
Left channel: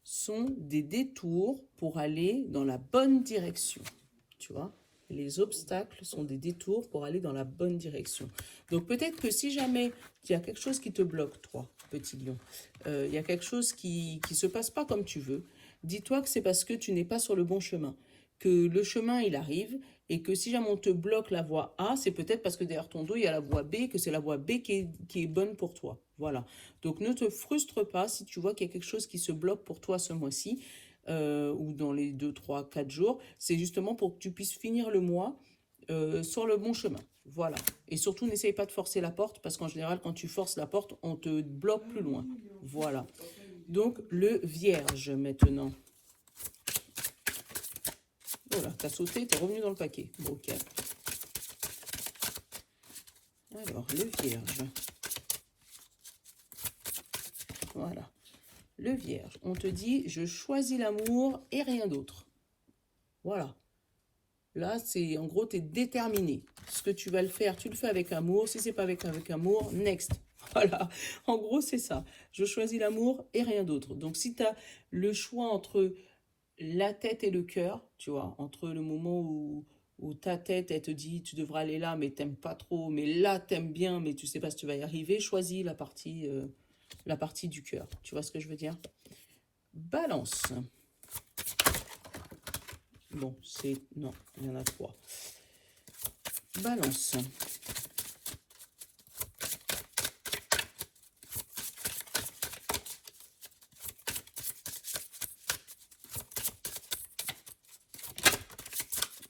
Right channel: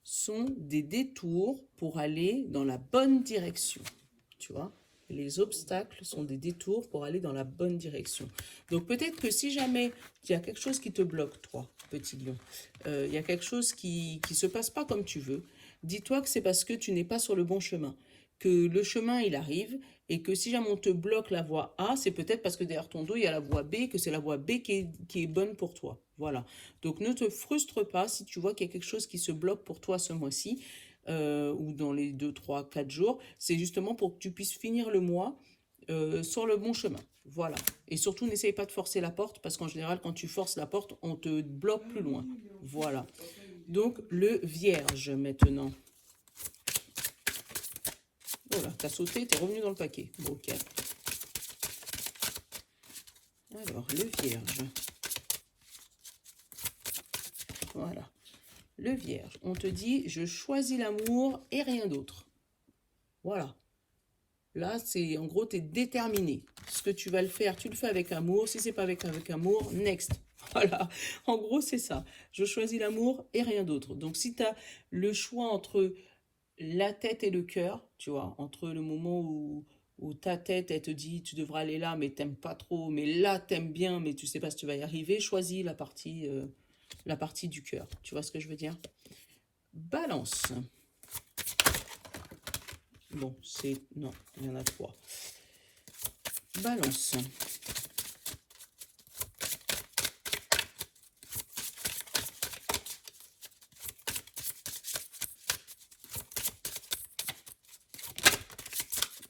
sont des détours pour aller dans la bonne direction. Tu vois, les obstacles sont des détours pour aller dans la bonne direction. Donc peut-être que si jamais il y a quelque chose qui te bloque, toi, petit lion, il y a quelque chose qui ne se passe pas comme tu veux, dis-toi que c'est parce que tu n'es pas sur le bon chemin. Que le chemin, il arrive, et que si jamais on te bloque la voie A, c'est peut-être parce que derrière ton dos, il y a la voie B, que c'est la voie B qui est bonne pour toi. Voilà. Donc ne te frustre pas si tu vois qu'il y a quelque chose qui se bloque pour toi ce mois-ci, ou dans les 2, 3, 4 jours. C'est justement pour que tu puisses finir le mois sur le bon chemin. Voilà. Et surtout, n'essaye pas de forcer la porte, parce qu'en général, quand tu forces la porte, on te bloque plus loin. Voilà. Donc, le Vierge, maintenant. Voilà, t'as sauté, t'es revenu dans le paquet. Bon, ok. Alors, le Vierge. Voilà. Le Vierge, on te dit, je choisis l'amour et rien d'autre. Voilà. Là, c'est en gros, tu es déterminé. Ce que tu vas le faire, tu le fais avec amour. Si c'est pas avec amour, next. Voilà. En gros, c'est ça. Je choisis l'amour et rien d'autre. Donc, si tu as le choix entre la tête et le cœur, tu vois, entre le moment où ta tête, elle te dit tu devras aller là, mais t'aimes pas trop, mais là t'aimes bien, mais tu sais pas si tu vas y arriver, choisis la partie du cœur. Tu vois ce que je veux dire? Balance. Bon, c'est... Non, il y en a 3. Balance.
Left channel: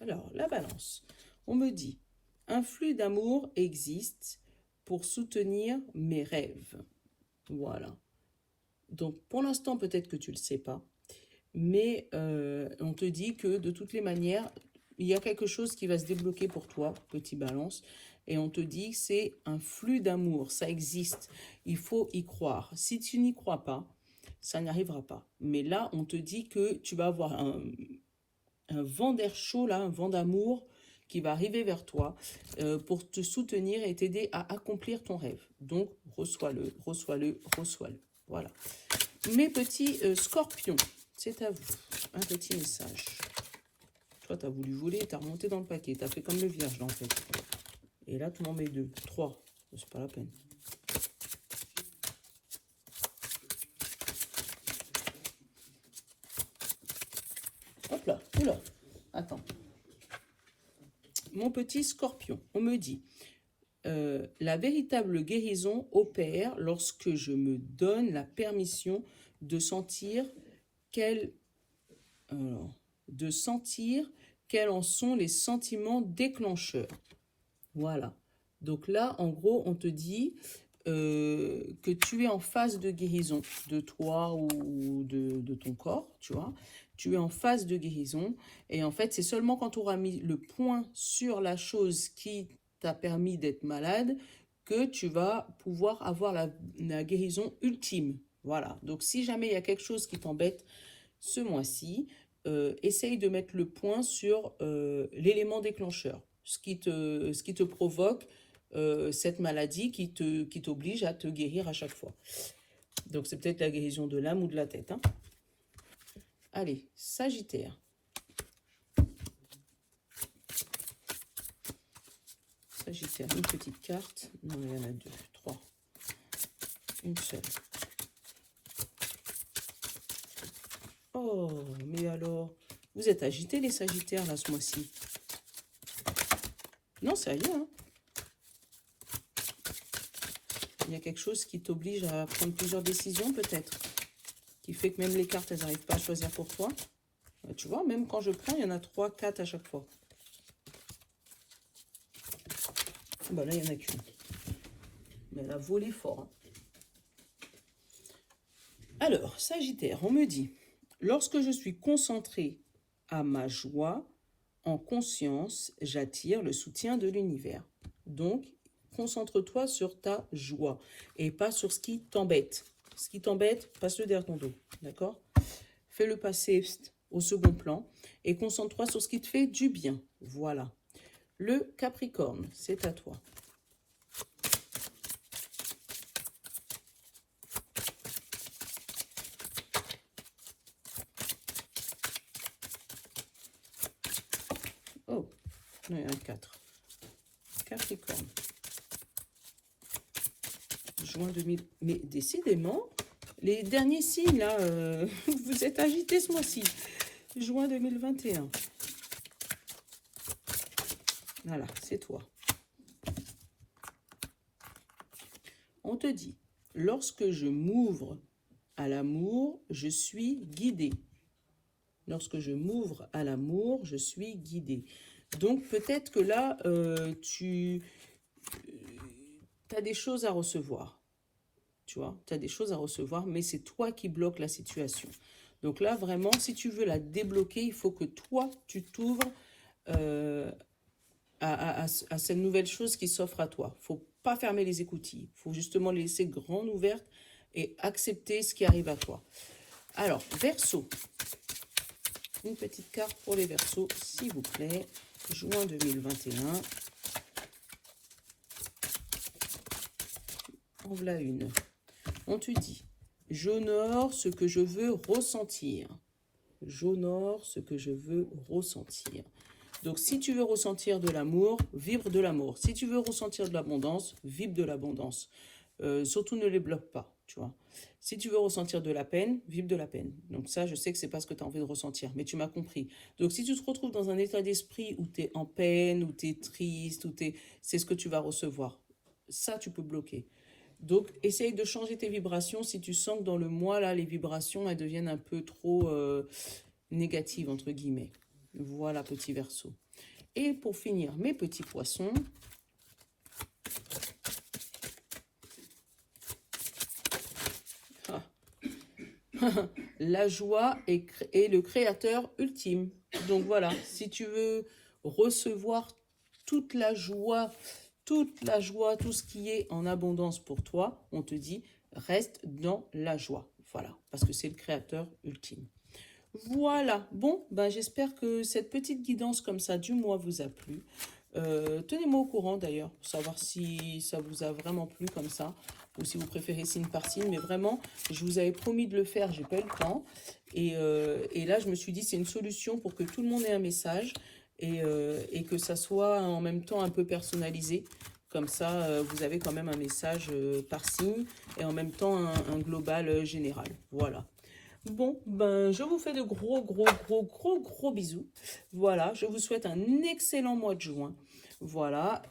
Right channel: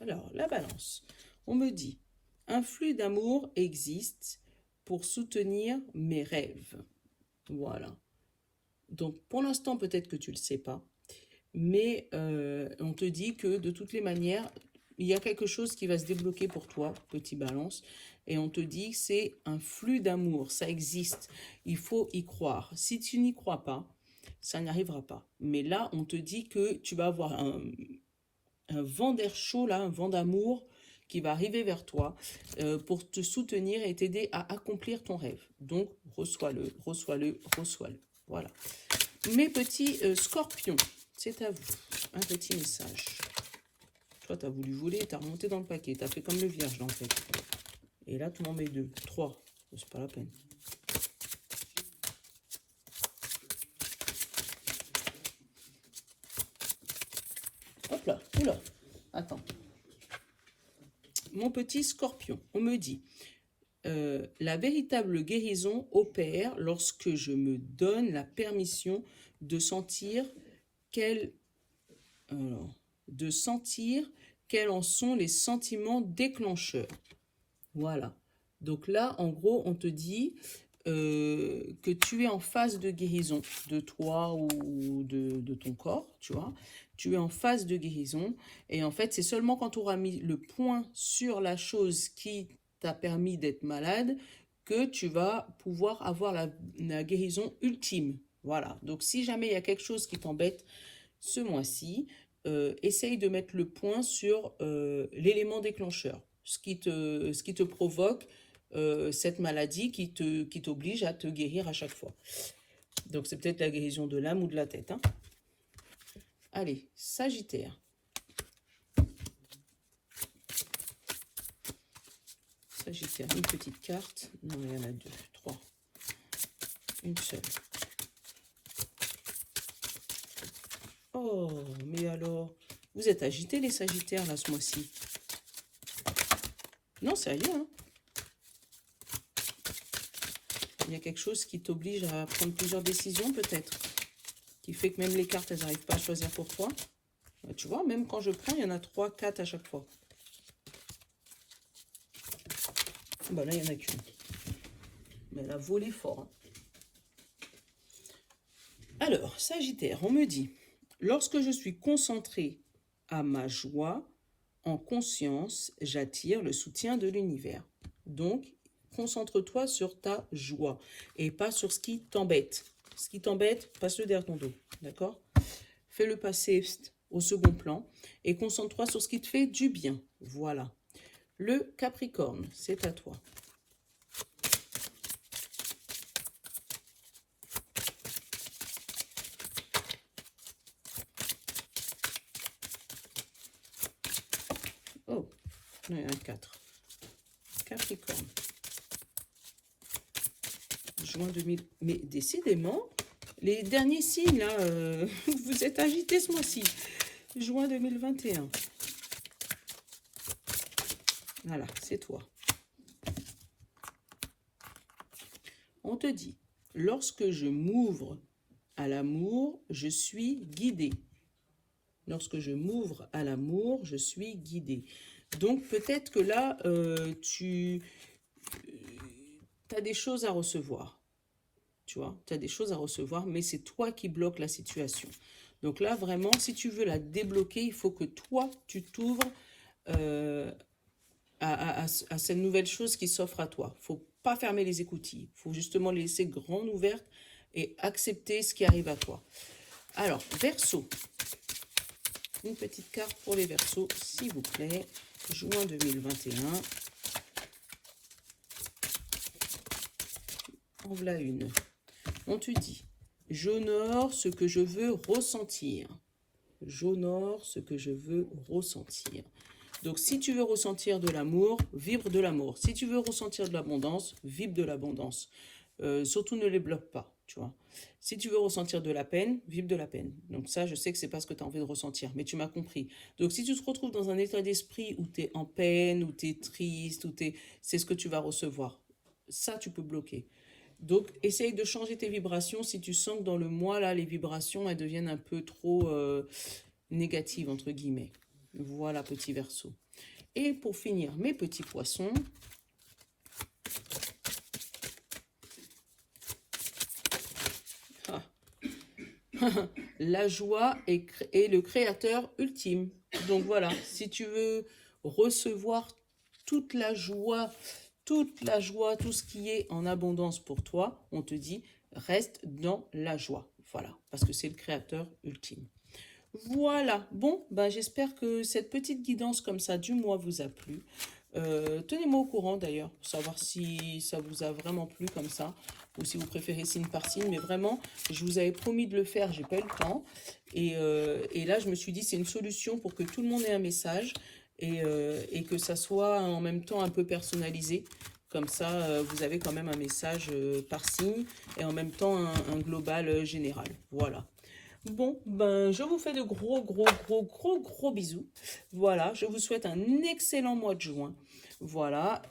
Alors, la balance. On me dit, un flux d'amour existe pour soutenir mes rêves. Voilà. Donc, pour l'instant, peut-être que tu ne le sais pas, mais on te dit que de toutes les manières, il y a quelque chose qui va se débloquer pour toi, petit balance, et on te dit que c'est un flux d'amour, ça existe, il faut y croire. Si tu n'y crois pas, ça n'arrivera pas. Mais là, on te dit que tu vas avoir un vent d'air chaud, là, un vent d'amour qui va arriver vers toi pour te soutenir et t'aider à accomplir ton rêve. Donc, reçois-le, reçois-le, reçois-le. Voilà. Mes petits scorpions, c'est à vous. Un petit message. Toi, tu as voulu voler, tu as remonté dans le paquet. Tu as fait comme le vierge, là, en fait. Et là, tu m'en mets 2, 3. C'est pas la peine. Hop là, oula. Attends. Mon petit scorpion, on me dit... la véritable guérison opère lorsque je me donne la permission de sentir quels quels en sont les sentiments déclencheurs. Voilà. Donc là, en gros, on te dit que tu es en phase de guérison de toi ou de ton corps, tu vois. Tu es en phase de guérison. Et en fait, c'est seulement quand tu auras mis le point sur la chose qui t'a permis d'être malade que tu vas pouvoir avoir la guérison ultime. Voilà. Donc, si jamais il y a quelque chose qui t'embête ce mois-ci, essaye de mettre le point sur l'élément déclencheur, ce qui te provoque cette maladie qui t'oblige à te guérir à chaque fois. Donc, c'est peut-être la guérison de l'âme ou de la tête. Hein. Allez, Sagittaire. Sagittaire, une petite carte. Non, il y en a 2, 3. Une seule. Oh, mais alors, vous êtes agités les Sagittaires là ce mois-ci. Non, sérieux, hein. Il y a quelque chose qui t'oblige à prendre plusieurs décisions peut-être, qui fait que même les cartes, elles n'arrivent pas à choisir pour toi. Tu vois, même quand je prends, il y en a 3, 4 à chaque fois. Bah là, il n'y en a qu'une. Mais elle a volé fort. Hein. Alors, Sagittaire, on me dit, lorsque je suis concentré à ma joie, en conscience, j'attire le soutien de l'univers. Donc, concentre-toi sur ta joie et pas sur ce qui t'embête. Ce qui t'embête, passe-le derrière ton dos. D'accord? Fais-le passer au second plan et concentre-toi sur ce qui te fait du bien. Voilà. Le Capricorne, c'est à toi. Oh, non, il y en a 4. Capricorne. Juin 2000. Mais décidément, les derniers signes, là, vous êtes agités ce mois-ci. Juin 2021. Voilà, c'est toi. On te dit, lorsque je m'ouvre à l'amour, je suis guidé. Lorsque je m'ouvre à l'amour, je suis guidé. Donc peut-être que là, tu as des choses à recevoir. Tu vois, tu as des choses à recevoir, mais c'est toi qui bloques la situation. Donc là, vraiment, si tu veux la débloquer, il faut que toi, tu t'ouvres à cette nouvelle chose qui s'offre à toi. Il ne faut pas fermer les écoutilles. Il faut justement les laisser grandes ouvertes et accepter ce qui arrive à toi. Alors, Verseau. Une petite carte pour les Verseaux, s'il vous plaît. Juin 2021. En voilà une. On te dit, j'honore ce que je veux ressentir. j'honore ce que je veux ressentir. Donc, si tu veux ressentir de l'amour, vibre de l'amour. Si tu veux ressentir de l'abondance, vibre de l'abondance. Surtout, ne les bloque pas, tu vois. Si tu veux ressentir de la peine, vibre de la peine. Donc ça, je sais que c'est pas ce que tu as envie de ressentir, mais tu m'as compris. Donc, si tu te retrouves dans un état d'esprit où tu es en peine, où tu es triste, c'est ce que tu vas recevoir. Ça, tu peux bloquer. Donc, essaye de changer tes vibrations si tu sens que dans le mois, là, les vibrations, elles deviennent un peu trop négatives, entre guillemets. Voilà, petit Verseau. Et pour finir, mes petits poissons, ah. La joie est le créateur ultime. Donc voilà, si tu veux recevoir toute la joie, tout ce qui est en abondance pour toi, on te dit, reste dans la joie. Voilà, parce que c'est le créateur ultime. Voilà, bon, ben, j'espère que cette petite guidance comme ça du mois vous a plu. Tenez-moi au courant d'ailleurs, pour savoir si ça vous a vraiment plu comme ça, ou si vous préférez signe par signe. Mais vraiment, je vous avais promis de le faire, j'ai pas eu le temps. Et là, je me suis dit, c'est une solution pour que tout le monde ait un message et que ça soit en même temps un peu personnalisé. Comme ça, vous avez quand même un message par signe et en même temps un global général. Voilà. Bon, ben, je vous fais de gros bisous. Voilà, je vous souhaite un excellent mois de juin. Voilà,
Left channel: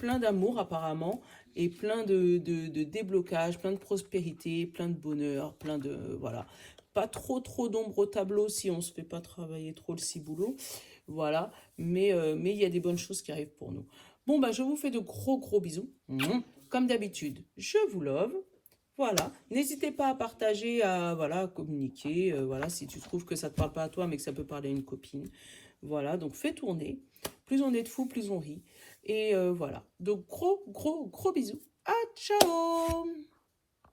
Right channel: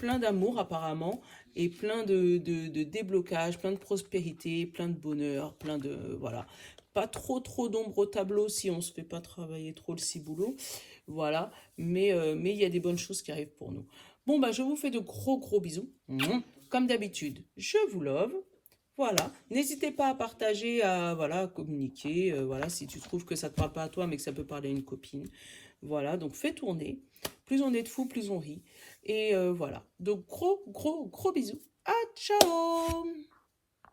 plein d'amour apparemment et plein de déblocage, plein de prospérité, plein de bonheur, plein de... Voilà, pas trop d'ombre au tableau si on se fait pas travailler trop le ciboulot. Voilà, mais il y a des bonnes choses qui arrivent pour nous. Bon, ben, je vous fais de gros bisous. Comme d'habitude, je vous love. Voilà, n'hésitez pas à partager, à communiquer, voilà, si tu trouves que ça ne te parle pas à toi, mais que ça peut parler à une copine. Voilà, donc fais tourner. Plus on est de fous, plus on rit. Et voilà, donc gros bisous. À ciao!